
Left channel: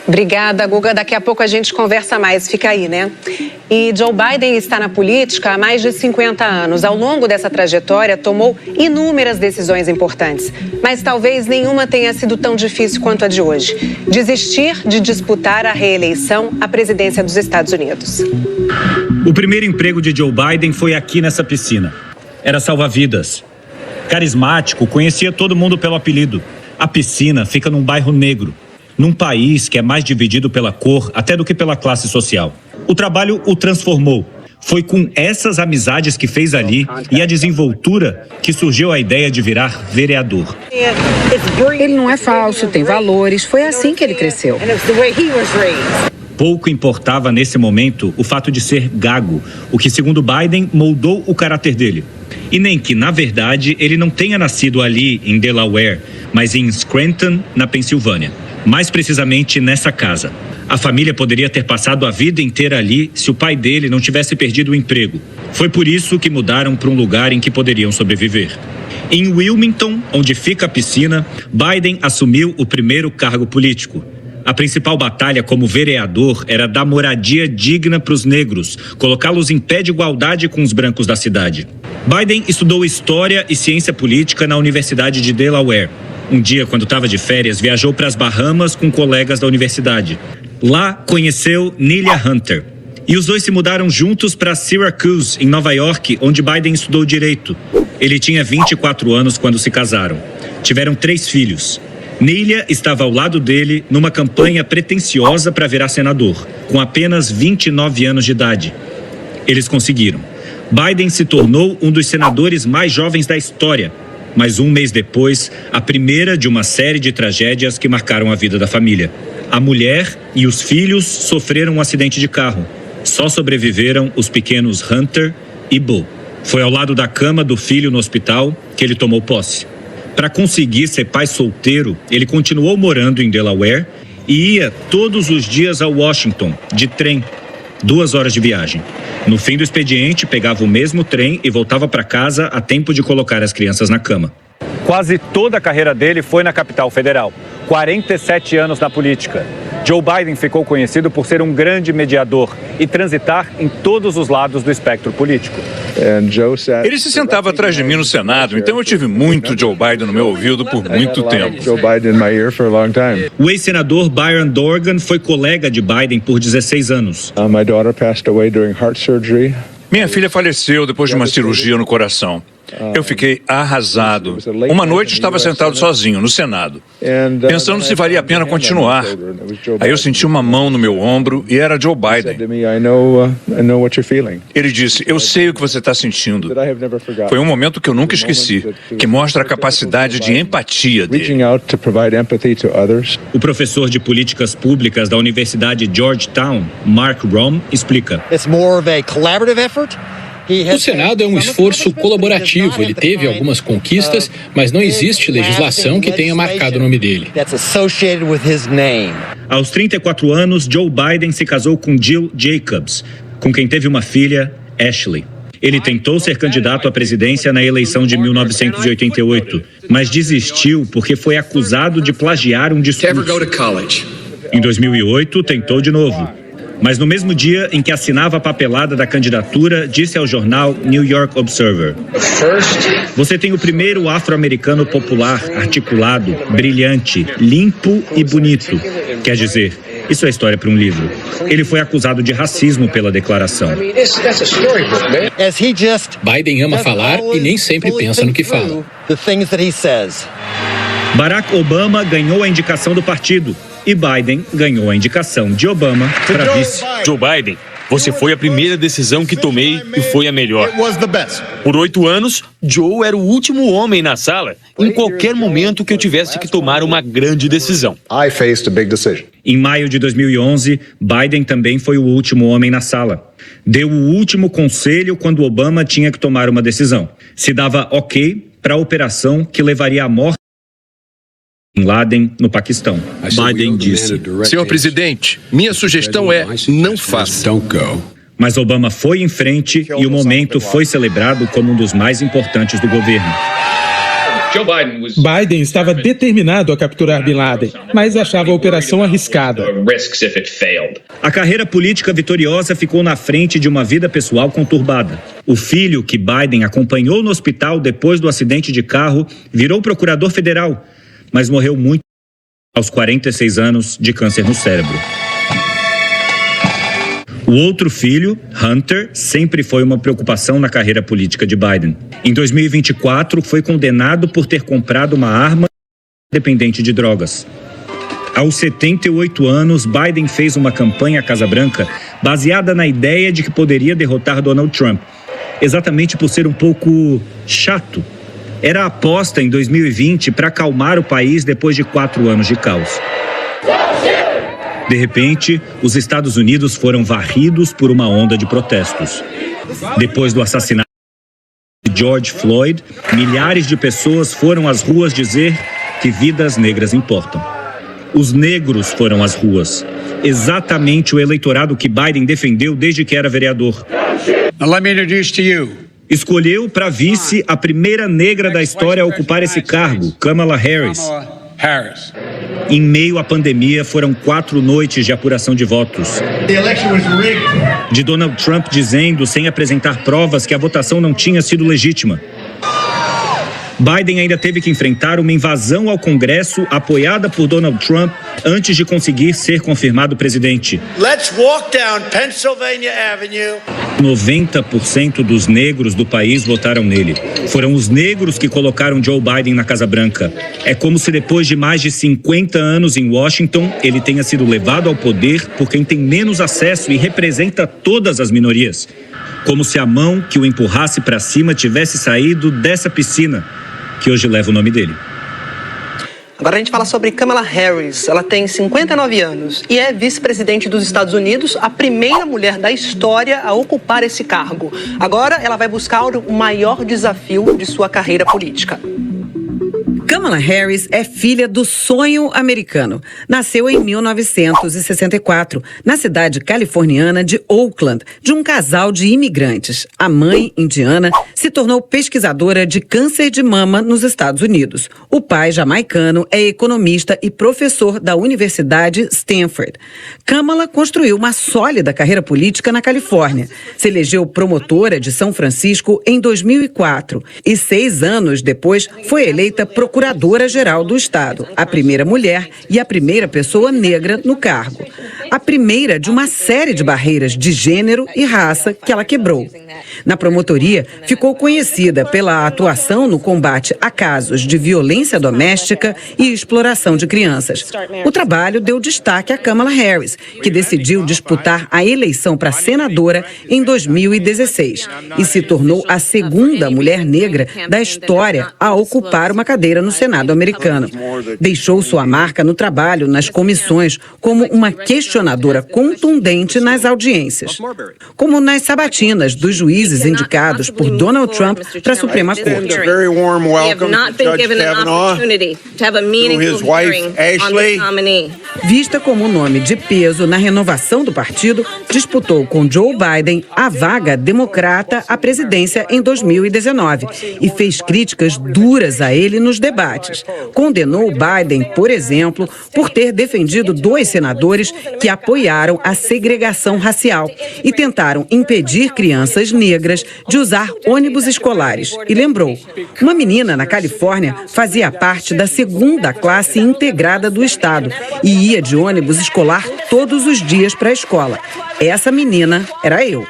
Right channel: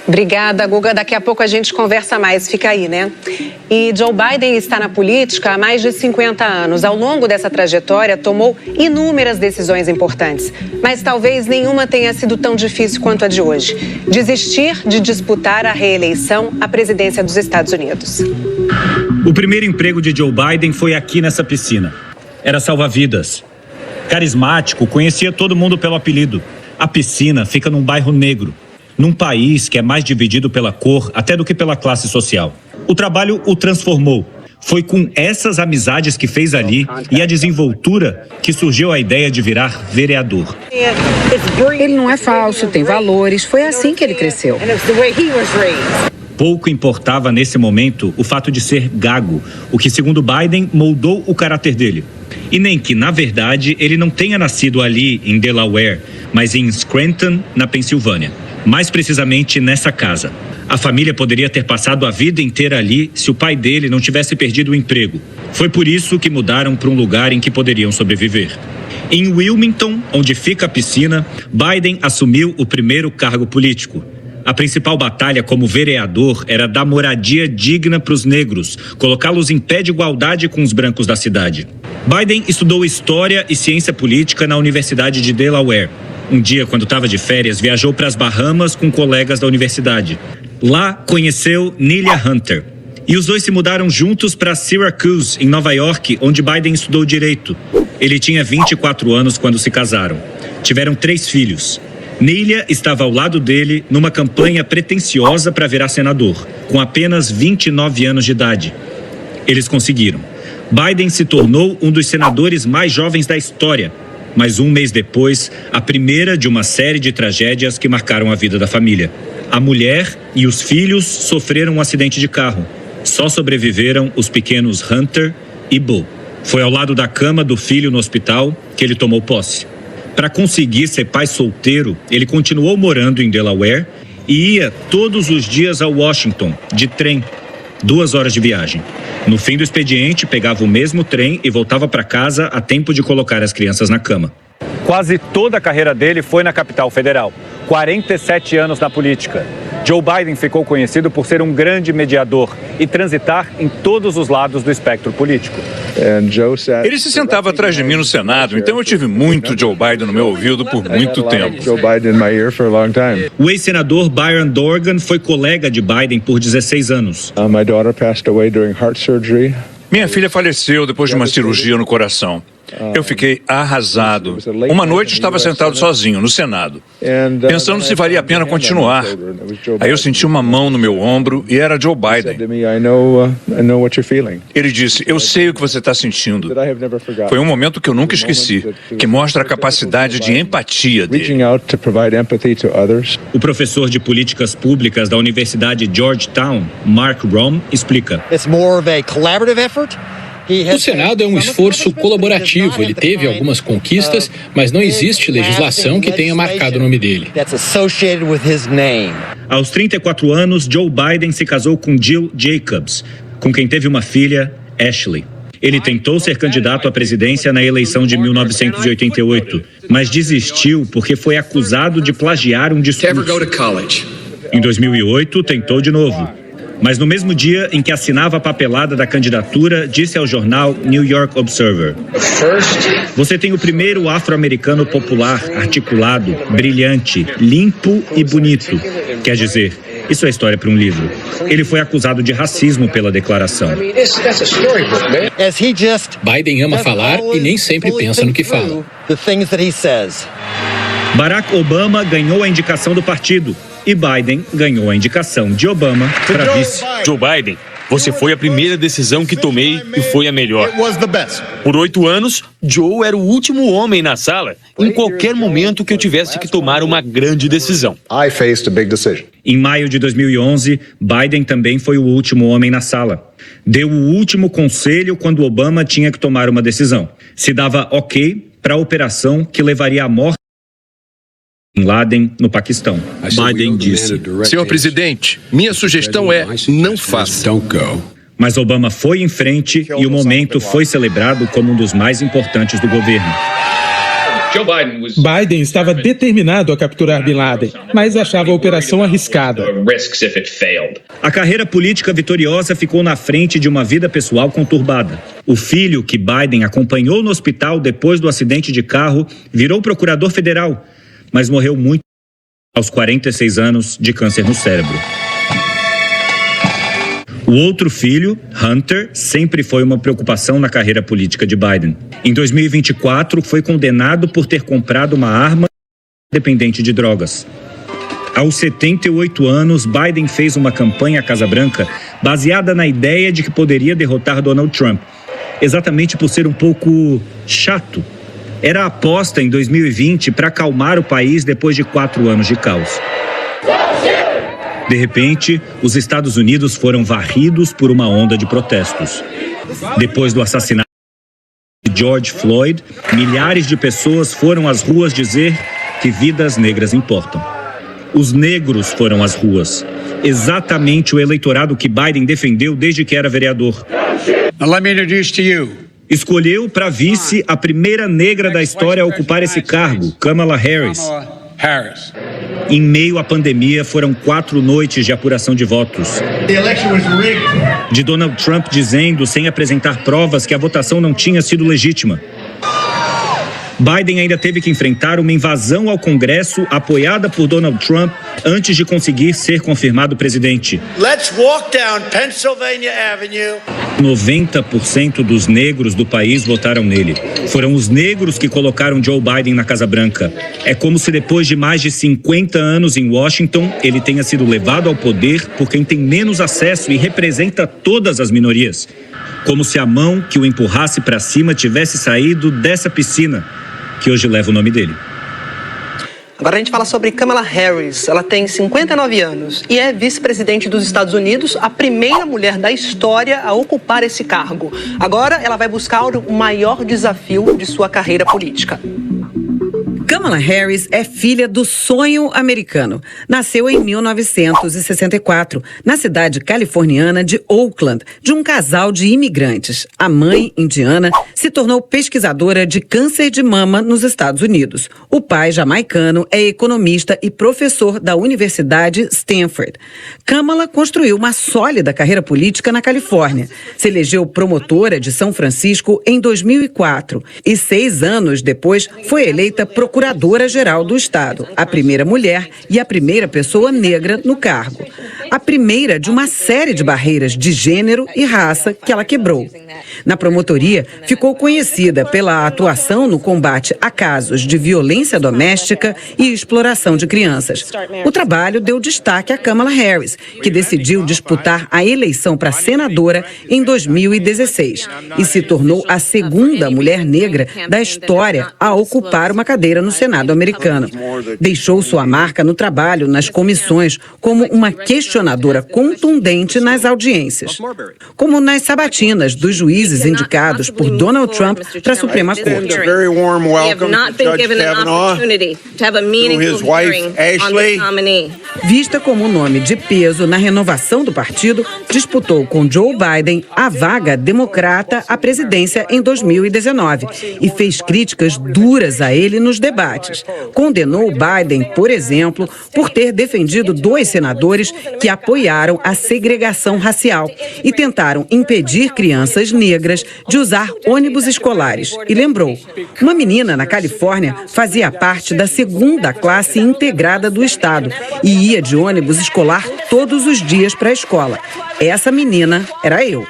Obrigada, Guga. Daqui a pouco a gente conversa mais. Fica aí, né? E Joe Biden está na política há mais de 50 anos. Ao longo dessa trajetória, tomou inúmeras decisões importantes. Mas talvez nenhuma tenha sido tão difícil quanto a de hoje. Desistir de disputar a reeleição à presidência dos Estados Unidos. O primeiro emprego de Joe Biden foi aqui nessa piscina. Era salva-vidas. Carismático, conhecia todo mundo pelo apelido. A piscina fica num bairro negro, num país que é mais dividido pela cor até do que pela classe social. O trabalho o transformou. Foi com essas amizades que fez ali e a desenvoltura que surgiu a ideia de virar vereador. Ele não é falso, tem valores. Foi assim que ele cresceu. Pouco importava nesse momento o fato de ser gago, o que, segundo Biden, moldou o caráter dele. E nem que, na verdade, ele não tenha nascido ali em Delaware, mas em Scranton, na Pensilvânia. Mais precisamente nessa casa. A família poderia ter passado a vida inteira ali se o pai dele não tivesse perdido o emprego. Foi por isso que mudaram para um lugar em que poderiam sobreviver. Em Wilmington, onde fica a piscina, Biden assumiu o primeiro cargo político. A principal batalha como vereador era dar moradia digna para os negros, colocá-los em pé de igualdade com os brancos da cidade. Biden estudou História e Ciência Política na Universidade de Delaware. Um dia, quando estava de férias, viajou para as Bahamas com colegas da universidade. Lá, conheceu Nelia Hunter. E os dois se mudaram juntos para Syracuse, em Nova York, onde Biden estudou Direito. Ele tinha 24 anos quando se casaram. Tiveram 3 filhos. Nelia estava ao lado dele numa campanha pretensiosa para virar senador, com apenas 29 anos de idade. Eles conseguiram. Biden se tornou um dos senadores mais jovens da história, mas um mês depois, a primeira de uma série de tragédias que marcaram a vida da família. A mulher e os filhos sofreram um acidente de carro. Só sobreviveram os pequenos Hunter e Bo. Foi ao lado da cama do filho no hospital que ele tomou posse. Para conseguir ser pai solteiro, ele continuou morando em Delaware e ia todos os dias a Washington, de trem, 2 horas de viagem. No fim do expediente, pegava o mesmo trem e voltava para casa a tempo de colocar as crianças na cama. Quase toda a carreira dele foi na capital federal. 47 anos na política. Joe Biden ficou conhecido por ser um grande mediador e transitar em todos os lados do espectro político. Ele se sentava atrás de mim no Senado, então eu tive muito Joe Biden no meu ouvido por muito tempo. O ex-senador Byron Dorgan foi colega de Biden por 16 anos. Minha filha faleceu depois de uma cirurgia no coração. Eu fiquei arrasado. Uma noite estava sentado sozinho no Senado, pensando se valia a pena continuar. Aí eu senti uma mão no meu ombro e era Joe Biden. Ele disse, eu sei o que você está sentindo. Foi um momento que eu nunca esqueci, que mostra a capacidade de empatia dele. O professor de políticas públicas da Universidade Georgetown, Mark Rom, explica. O Senado é um esforço colaborativo. Ele teve algumas conquistas, mas não existe legislação que tenha marcado o nome dele. Aos 34 anos, Joe Biden se casou com Jill Jacobs, com quem teve uma filha, Ashley. Ele tentou ser candidato à presidência na eleição de 1988, mas desistiu porque foi acusado de plagiar um discurso. Em 2008, tentou de novo. Mas no mesmo dia em que assinava a papelada da candidatura, disse ao jornal New York Observer: "Você tem o primeiro afro-americano popular, articulado, brilhante, limpo e bonito." Quer dizer, isso é história para um livro. Ele foi acusado de racismo pela declaração. Biden ama falar e nem sempre pensa no que fala. Barack Obama ganhou a indicação do partido e Biden ganhou a indicação de Obama para vice. Joe Biden, você foi a primeira decisão que tomei e foi a melhor. Por 8 anos, Joe era o último homem na sala em qualquer momento que eu tivesse que tomar uma grande decisão. Em maio de 2011, Biden também foi o último homem na sala. Deu o último conselho quando Obama tinha que tomar uma decisão. Se dava ok para a operação que levaria à morte Bin Laden no Paquistão. Biden disse: Senhor presidente, minha sugestão é não faça. Mas Obama foi em frente e o momento foi celebrado como um dos mais importantes do governo. Biden estava determinado a capturar Bin Laden, mas achava a operação arriscada. A carreira política vitoriosa ficou na frente de uma vida pessoal conturbada. O filho, que Biden acompanhou no hospital depois do acidente de carro, virou procurador federal, mas morreu muito aos 46 anos de câncer no cérebro. O outro filho, Hunter, sempre foi uma preocupação na carreira política de Biden. Em 2024, foi condenado por ter comprado uma arma dependente de drogas. Aos 78 anos, Biden fez uma campanha à Casa Branca baseada na ideia de que poderia derrotar Donald Trump, exatamente por ser um pouco chato. Era a aposta em 2020 para acalmar o país depois de 4 anos de caos. De repente, os Estados Unidos foram varridos por uma onda de protestos. Depois do assassinato de George Floyd, milhares de pessoas foram às ruas dizer que vidas negras importam. Os negros foram às ruas. Exatamente o eleitorado que Biden defendeu desde que era vereador. Now let me introduce to you. Escolheu para vice a primeira negra da história a ocupar esse cargo, Kamala Harris. Em meio à pandemia, foram 4 noites de apuração de votos. De Donald Trump dizendo, sem apresentar provas, que a votação não tinha sido legítima. Biden ainda teve que enfrentar uma invasão ao Congresso apoiada por Donald Trump antes de conseguir ser confirmado presidente. Let's walk down Pennsylvania Avenue. 90% dos negros do país votaram nele. Foram os negros que colocaram Joe Biden na Casa Branca. É como se depois de mais de 50 anos em Washington, ele tenha sido levado ao poder por quem tem menos acesso e representa todas as minorias. Como se a mão que o empurrasse para cima tivesse saído dessa piscina, que hoje leva o nome dele. Agora a gente fala sobre Kamala Harris. Ela tem 59 anos e é vice-presidente dos Estados Unidos, a primeira mulher da história a ocupar esse cargo. Agora ela vai buscar o maior desafio de sua carreira política. Kamala Harris é filha do sonho americano. Nasceu em 1964, na cidade californiana de Oakland, de um casal de imigrantes. A mãe, indiana, se tornou pesquisadora de câncer de mama nos Estados Unidos. O pai, jamaicano, é economista e professor da Universidade Stanford. Kamala construiu uma sólida carreira política na Califórnia. Se elegeu promotora de São Francisco em 2004 e 6 anos depois foi eleita procuradora-geral do estado, a primeira mulher e a primeira pessoa negra no cargo. A primeira de uma série de barreiras de gênero e raça que ela quebrou. Na promotoria, ficou conhecida pela atuação no combate a casos de violência doméstica e exploração de crianças. O trabalho deu destaque a Kamala Harris, que decidiu disputar a eleição para senadora em 2016 e se tornou a segunda mulher negra da história a ocupar uma cadeira no Senado americano. Deixou sua marca no trabalho nas comissões como uma questionadora contundente nas audiências, como nas sabatinas dos juízes indicados por Donald Trump para a Suprema Corte. Vista como nome de peso na renovação do partido, disputou com Joe Biden a vaga democrata à presidência em 2019 e fez críticas duras a ele nos debates. Condenou Biden, por exemplo, por ter defendido 2 senadores que apoiaram a segregação racial e tentaram impedir crianças negras de usar ônibus escolares. E lembrou, uma menina na Califórnia fazia parte da segunda classe integrada do estado e ia de ônibus escolar todos os dias para a escola. Essa menina era eu.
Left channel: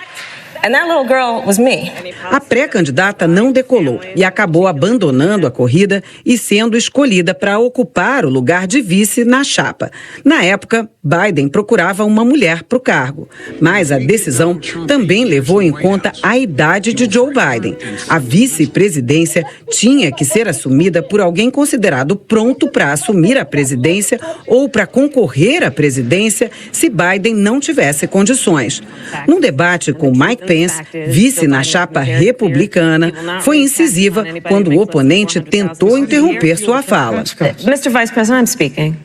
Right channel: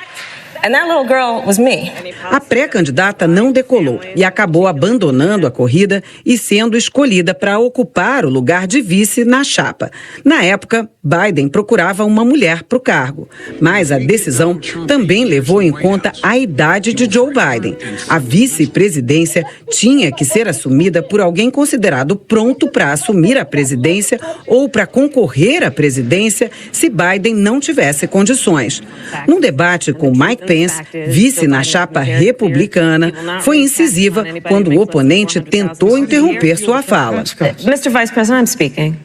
And that little girl was me. A pré-candidata não decolou e acabou abandonando a corrida e sendo escolhida para ocupar o lugar de vice na chapa. Na época, Biden procurava uma mulher para o cargo, mas a decisão também levou em conta a idade de Joe Biden. A vice-presidência tinha que ser assumida por alguém considerado pronto para assumir a presidência ou para concorrer à presidência se Biden não tivesse condições. Num debate com Mike Pence, vice na chapa republicana, foi incisiva quando o oponente tentou interromper sua fala. Mr. Vice President, I'm speaking.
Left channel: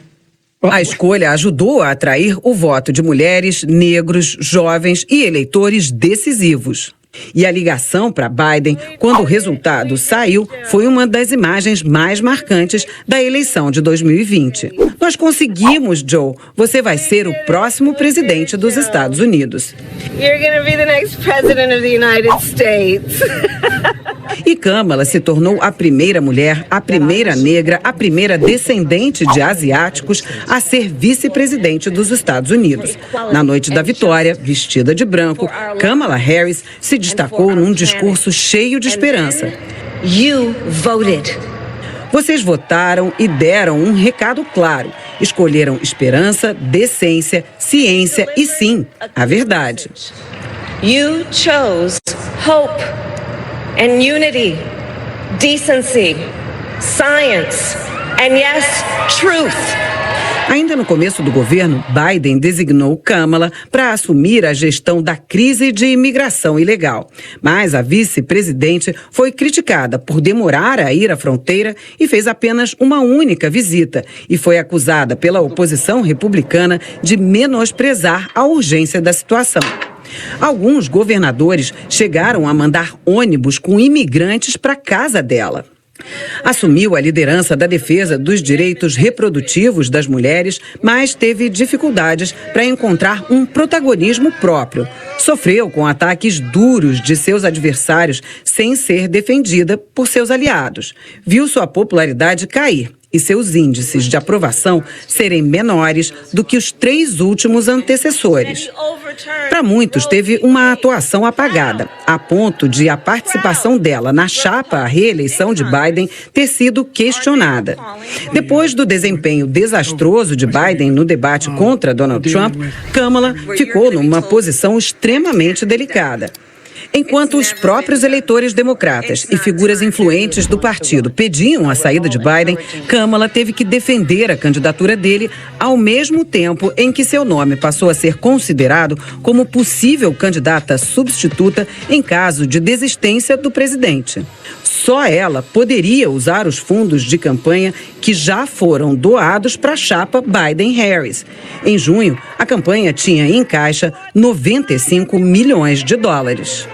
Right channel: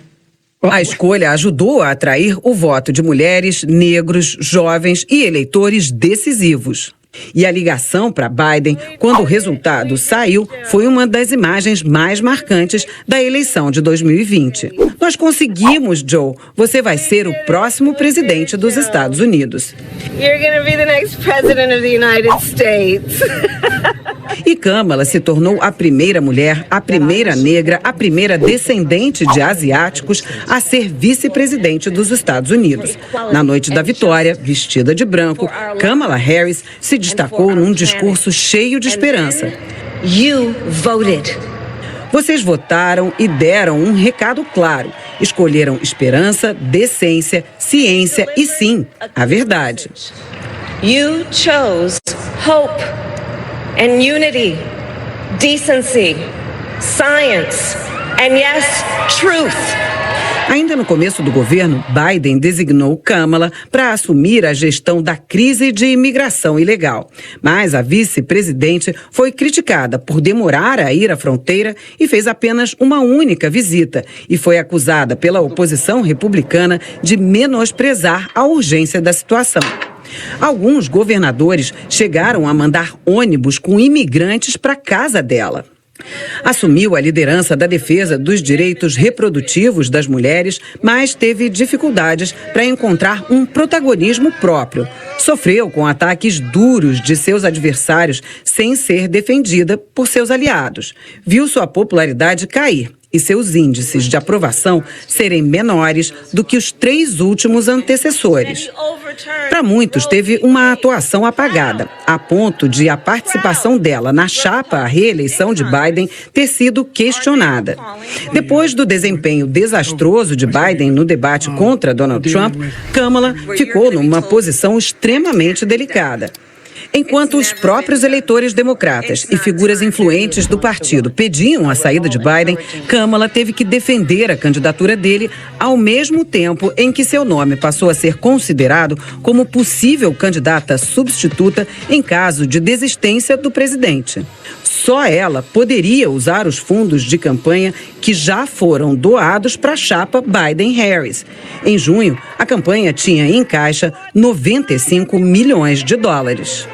A escolha ajudou a atrair o voto de mulheres, negros, jovens e eleitores decisivos. E a ligação para Biden, quando o resultado saiu, foi uma das imagens mais marcantes da eleição de 2020. Nós conseguimos, Joe. Você vai ser o próximo presidente dos Estados Unidos. You're gonna be the next president of the United States. E Kamala se tornou a primeira mulher, a primeira negra, a primeira descendente de asiáticos a ser vice-presidente dos Estados Unidos. Na noite da vitória, vestida de branco, Kamala Harris se destacou num discurso cheio de esperança. You voted. Vocês votaram e deram um recado claro. Escolheram esperança, decência, ciência e, sim, a verdade. You chose hope and unity, decency, science, and yes, truth. Ainda no começo do governo, Biden designou Kamala para assumir a gestão da crise de imigração ilegal. Mas a vice-presidente foi criticada por demorar a ir à fronteira e fez apenas uma única visita. E foi acusada pela oposição republicana de menosprezar a urgência da situação. Alguns governadores chegaram a mandar ônibus com imigrantes para a casa dela. Assumiu a liderança da defesa dos direitos reprodutivos das mulheres, mas teve dificuldades para encontrar um protagonismo próprio. Sofreu com ataques duros de seus adversários sem ser defendida por seus aliados. Viu sua popularidade cair e seus índices de aprovação serem menores do que os 3 últimos antecessores. Para muitos, teve uma atuação apagada, a ponto de a participação dela na chapa à reeleição de Biden ter sido questionada. Depois do desempenho desastroso de Biden no debate contra Donald Trump, Kamala ficou numa posição extremamente delicada. Enquanto os próprios eleitores democratas e figuras influentes do partido pediam a saída de Biden, Kamala teve que defender a candidatura dele ao mesmo tempo em que seu nome passou a ser considerado como possível candidata substituta em caso de desistência do presidente. Só ela poderia usar os fundos de campanha que já foram doados para a chapa Biden-Harris. Em junho, a campanha tinha em caixa 95 milhões de dólares.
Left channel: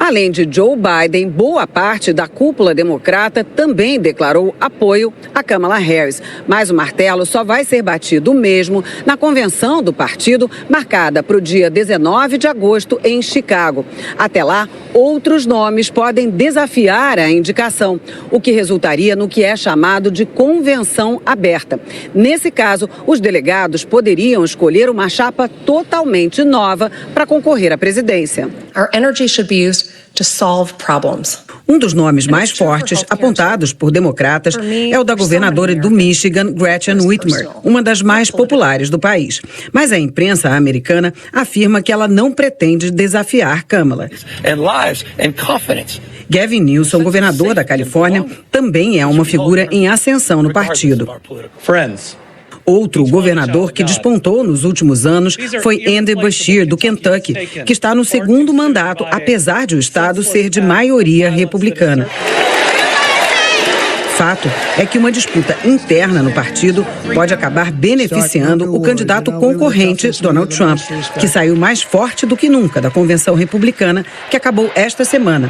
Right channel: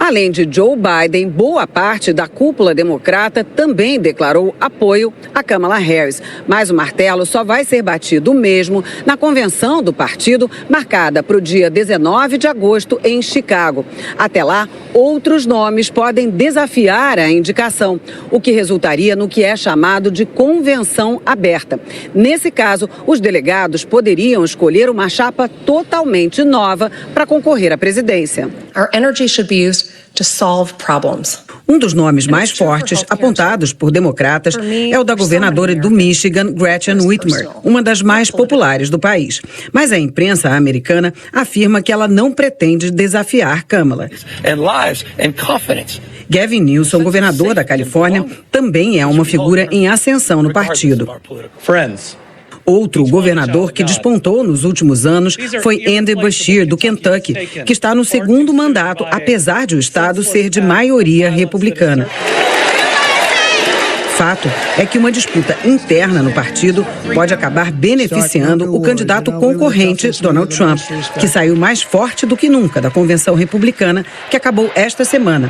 Além de Joe Biden, boa parte da cúpula democrata também declarou apoio a Kamala Harris. Mas o martelo só vai ser batido mesmo na convenção do partido, marcada para o dia 19 de agosto em Chicago. Até lá, outros nomes podem desafiar a indicação, o que resultaria no que é chamado de convenção aberta. Nesse caso, os delegados poderiam escolher uma chapa totalmente nova para concorrer à presidência. Our energy should be used to solve problems. Um dos nomes mais fortes apontados por democratas é o da governadora do Michigan, Gretchen Whitmer, uma das mais populares do país. Mas a imprensa americana afirma que ela não pretende desafiar Kamala. Gavin Newsom, governador da Califórnia, também é uma figura em ascensão no partido. Outro governador que despontou nos últimos anos foi Andy Beshear, do Kentucky, que está no segundo mandato, apesar de o estado ser de maioria republicana. Fato é que uma disputa interna no partido pode acabar beneficiando o candidato concorrente, Donald Trump, que saiu mais forte do que nunca da convenção republicana, que acabou esta semana.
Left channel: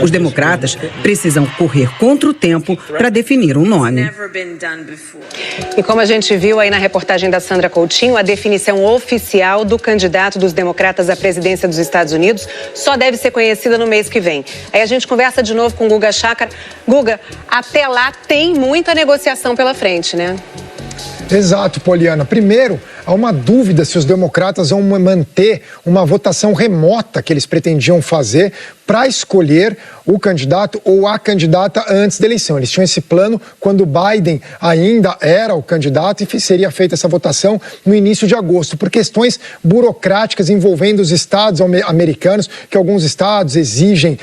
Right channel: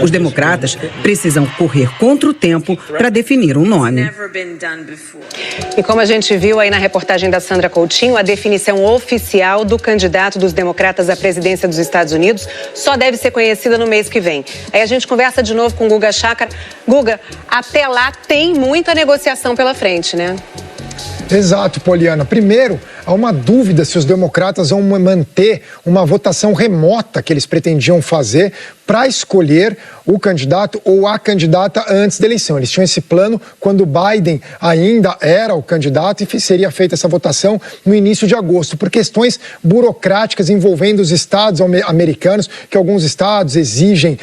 Os democratas precisam correr contra o tempo para definir um nome. E como a gente viu aí na reportagem da Sandra Coutinho, a definição oficial do candidato dos democratas à presidência dos Estados Unidos só deve ser conhecida no mês que vem. Aí a gente conversa de novo com o Guga Chakra. Guga, até lá tem muita negociação pela frente, né? Exato, Poliana. Primeiro, há uma dúvida se os democratas vão manter uma votação remota que eles pretendiam fazer para escolher o candidato ou a candidata antes da eleição. Eles tinham esse plano quando Biden ainda era o candidato e seria feita essa votação no início de agosto, por questões burocráticas envolvendo os estados americanos, que alguns estados exigem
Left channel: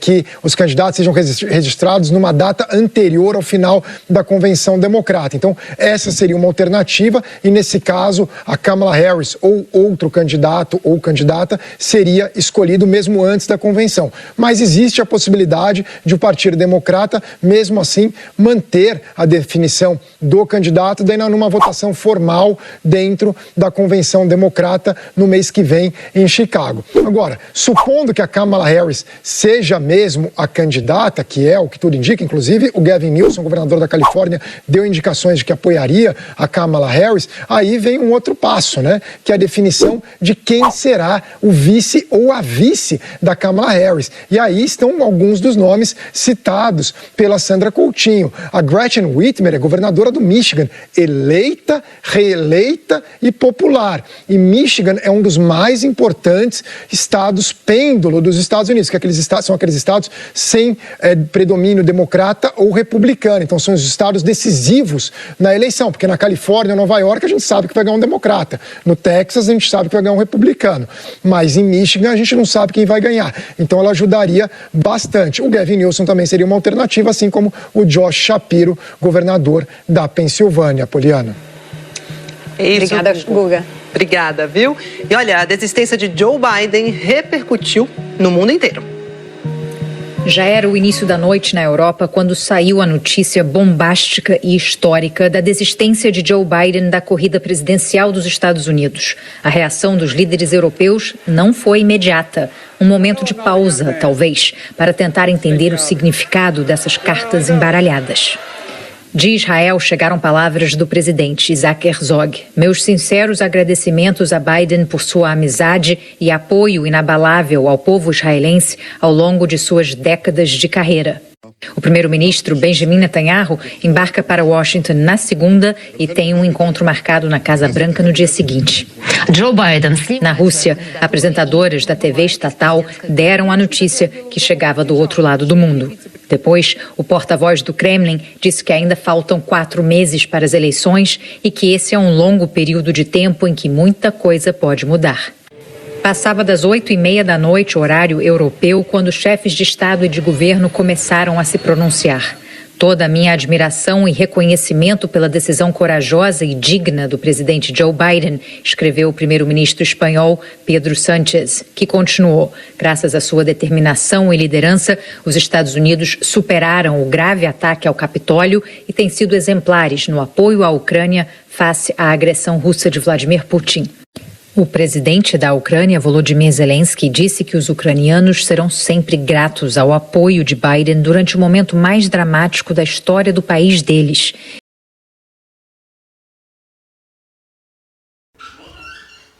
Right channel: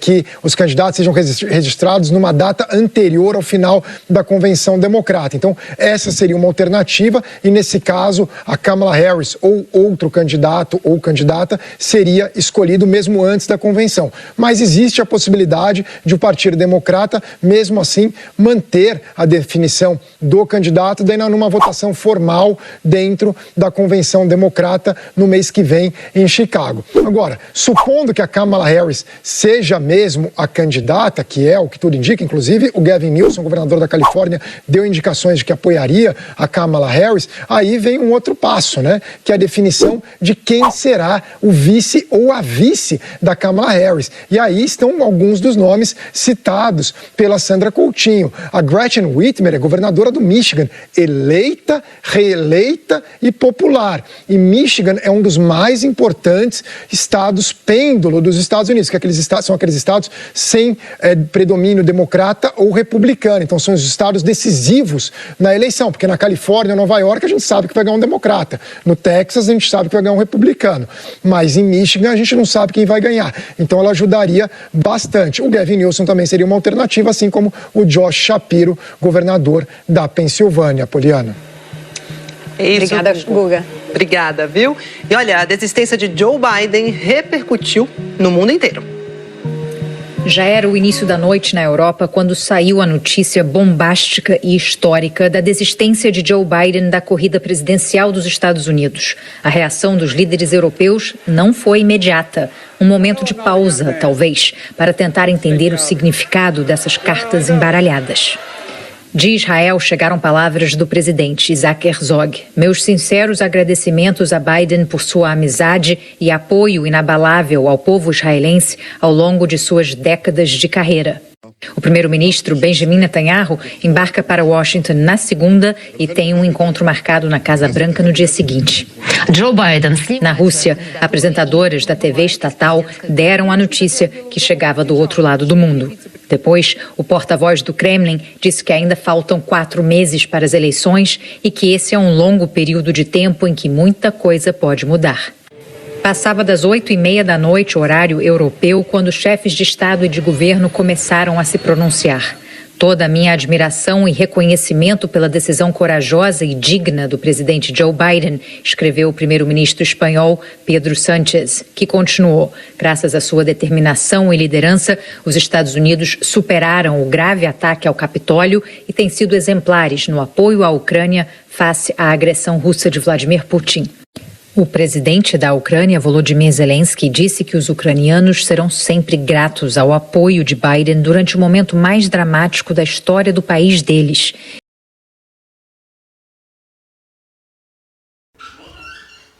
que os candidatos sejam registrados numa data anterior ao final da convenção democrata. Então, essa seria uma alternativa e, nesse caso, caso a Kamala Harris ou outro candidato ou candidata seria escolhido mesmo antes da convenção. Mas existe a possibilidade de o Partido Democrata, mesmo assim, manter a definição do candidato daí numa votação formal dentro da convenção democrata no mês que vem em Chicago. Agora, supondo que a Kamala Harris seja mesmo a candidata, que é o que tudo indica, inclusive o Gavin Newsom, governador da Califórnia, deu indicações de que apoiaria a Kamala Harris, aí vem um outro passo, né? Que é a definição de quem será o vice ou a vice da Kamala Harris. E aí estão alguns dos nomes citados pela Sandra Coutinho. A Gretchen Whitmer é governadora do Michigan, eleita, reeleita e popular. E Michigan é um dos mais importantes estados pêndulo dos Estados Unidos, que são aqueles estados sem predomínio democrata ou republicano. Então são os estados decisivos na eleição, porque na Califórnia, Nova York, a gente sabe que vai ganhar um democrata. No Texas, a gente sabe que vai ganhar um republicano. Mas em Michigan, a gente não sabe quem vai ganhar. Então ela ajudaria bastante. O Gavin Newsom também seria uma alternativa, assim como o Josh Shapiro, governador da Pensilvânia. Poliana. Obrigada, Guga. Obrigada, viu? E olha, a desistência de Joe Biden repercutiu no mundo inteiro. Já era o início da noite na Europa quando saiu a notícia bombástica e histórica da desistência de Joe Biden da corrida presidencial dos Estados Unidos. A reação dos líderes europeus não foi imediata. Um momento de pausa, talvez, para tentar entender o significado dessas cartas embaralhadas. De Israel chegaram palavras do presidente Isaac Herzog. Meus sinceros agradecimentos a Biden por sua amizade e apoio inabalável ao povo israelense ao longo de suas décadas de carreira. O primeiro-ministro Benjamin Netanyahu embarca para Washington na segunda e tem um encontro marcado na Casa Branca no dia seguinte. Joe Biden. Na Rússia, apresentadoras da TV estatal deram a notícia que chegava do outro lado do mundo. Depois, o porta-voz do Kremlin disse que ainda faltam 4 meses para as eleições e que esse é um longo período de tempo em que muita coisa pode mudar. Passava das 8h30 da noite, horário europeu, quando chefes de Estado e de governo começaram a se pronunciar. Toda a minha admiração e reconhecimento pela decisão corajosa e digna do presidente Joe Biden, escreveu o primeiro-ministro espanhol Pedro Sánchez, que continuou. Graças à sua determinação e liderança, os Estados Unidos superaram o grave ataque ao Capitólio e têm sido exemplares no apoio à Ucrânia face à agressão russa de Vladimir Putin. O presidente da Ucrânia, Volodymyr Zelensky, disse que os ucranianos serão sempre gratos ao apoio de Biden durante o momento mais dramático da história do país deles.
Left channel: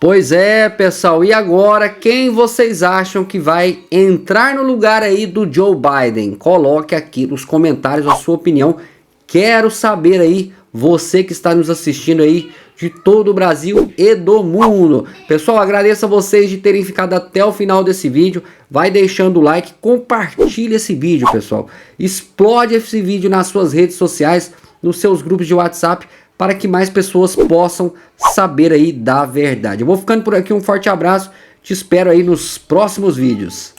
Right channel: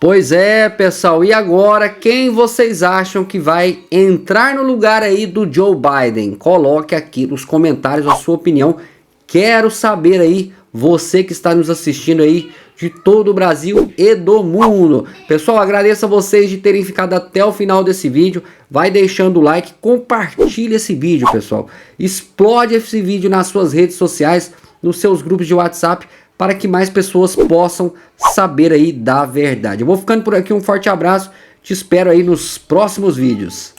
Pois é, pessoal, e agora quem vocês acham que vai entrar no lugar aí do Joe Biden? Coloque aqui nos comentários a sua opinião. Quero saber aí, você que está nos assistindo aí de todo o Brasil e do mundo. Pessoal, agradeço a vocês de terem ficado até o final desse vídeo. Vai deixando o like, compartilha esse vídeo, pessoal. Explode esse vídeo nas suas redes sociais, nos seus grupos de WhatsApp, para que mais pessoas possam saber aí da verdade. Eu vou ficando por aqui, um forte abraço, te espero aí nos próximos vídeos.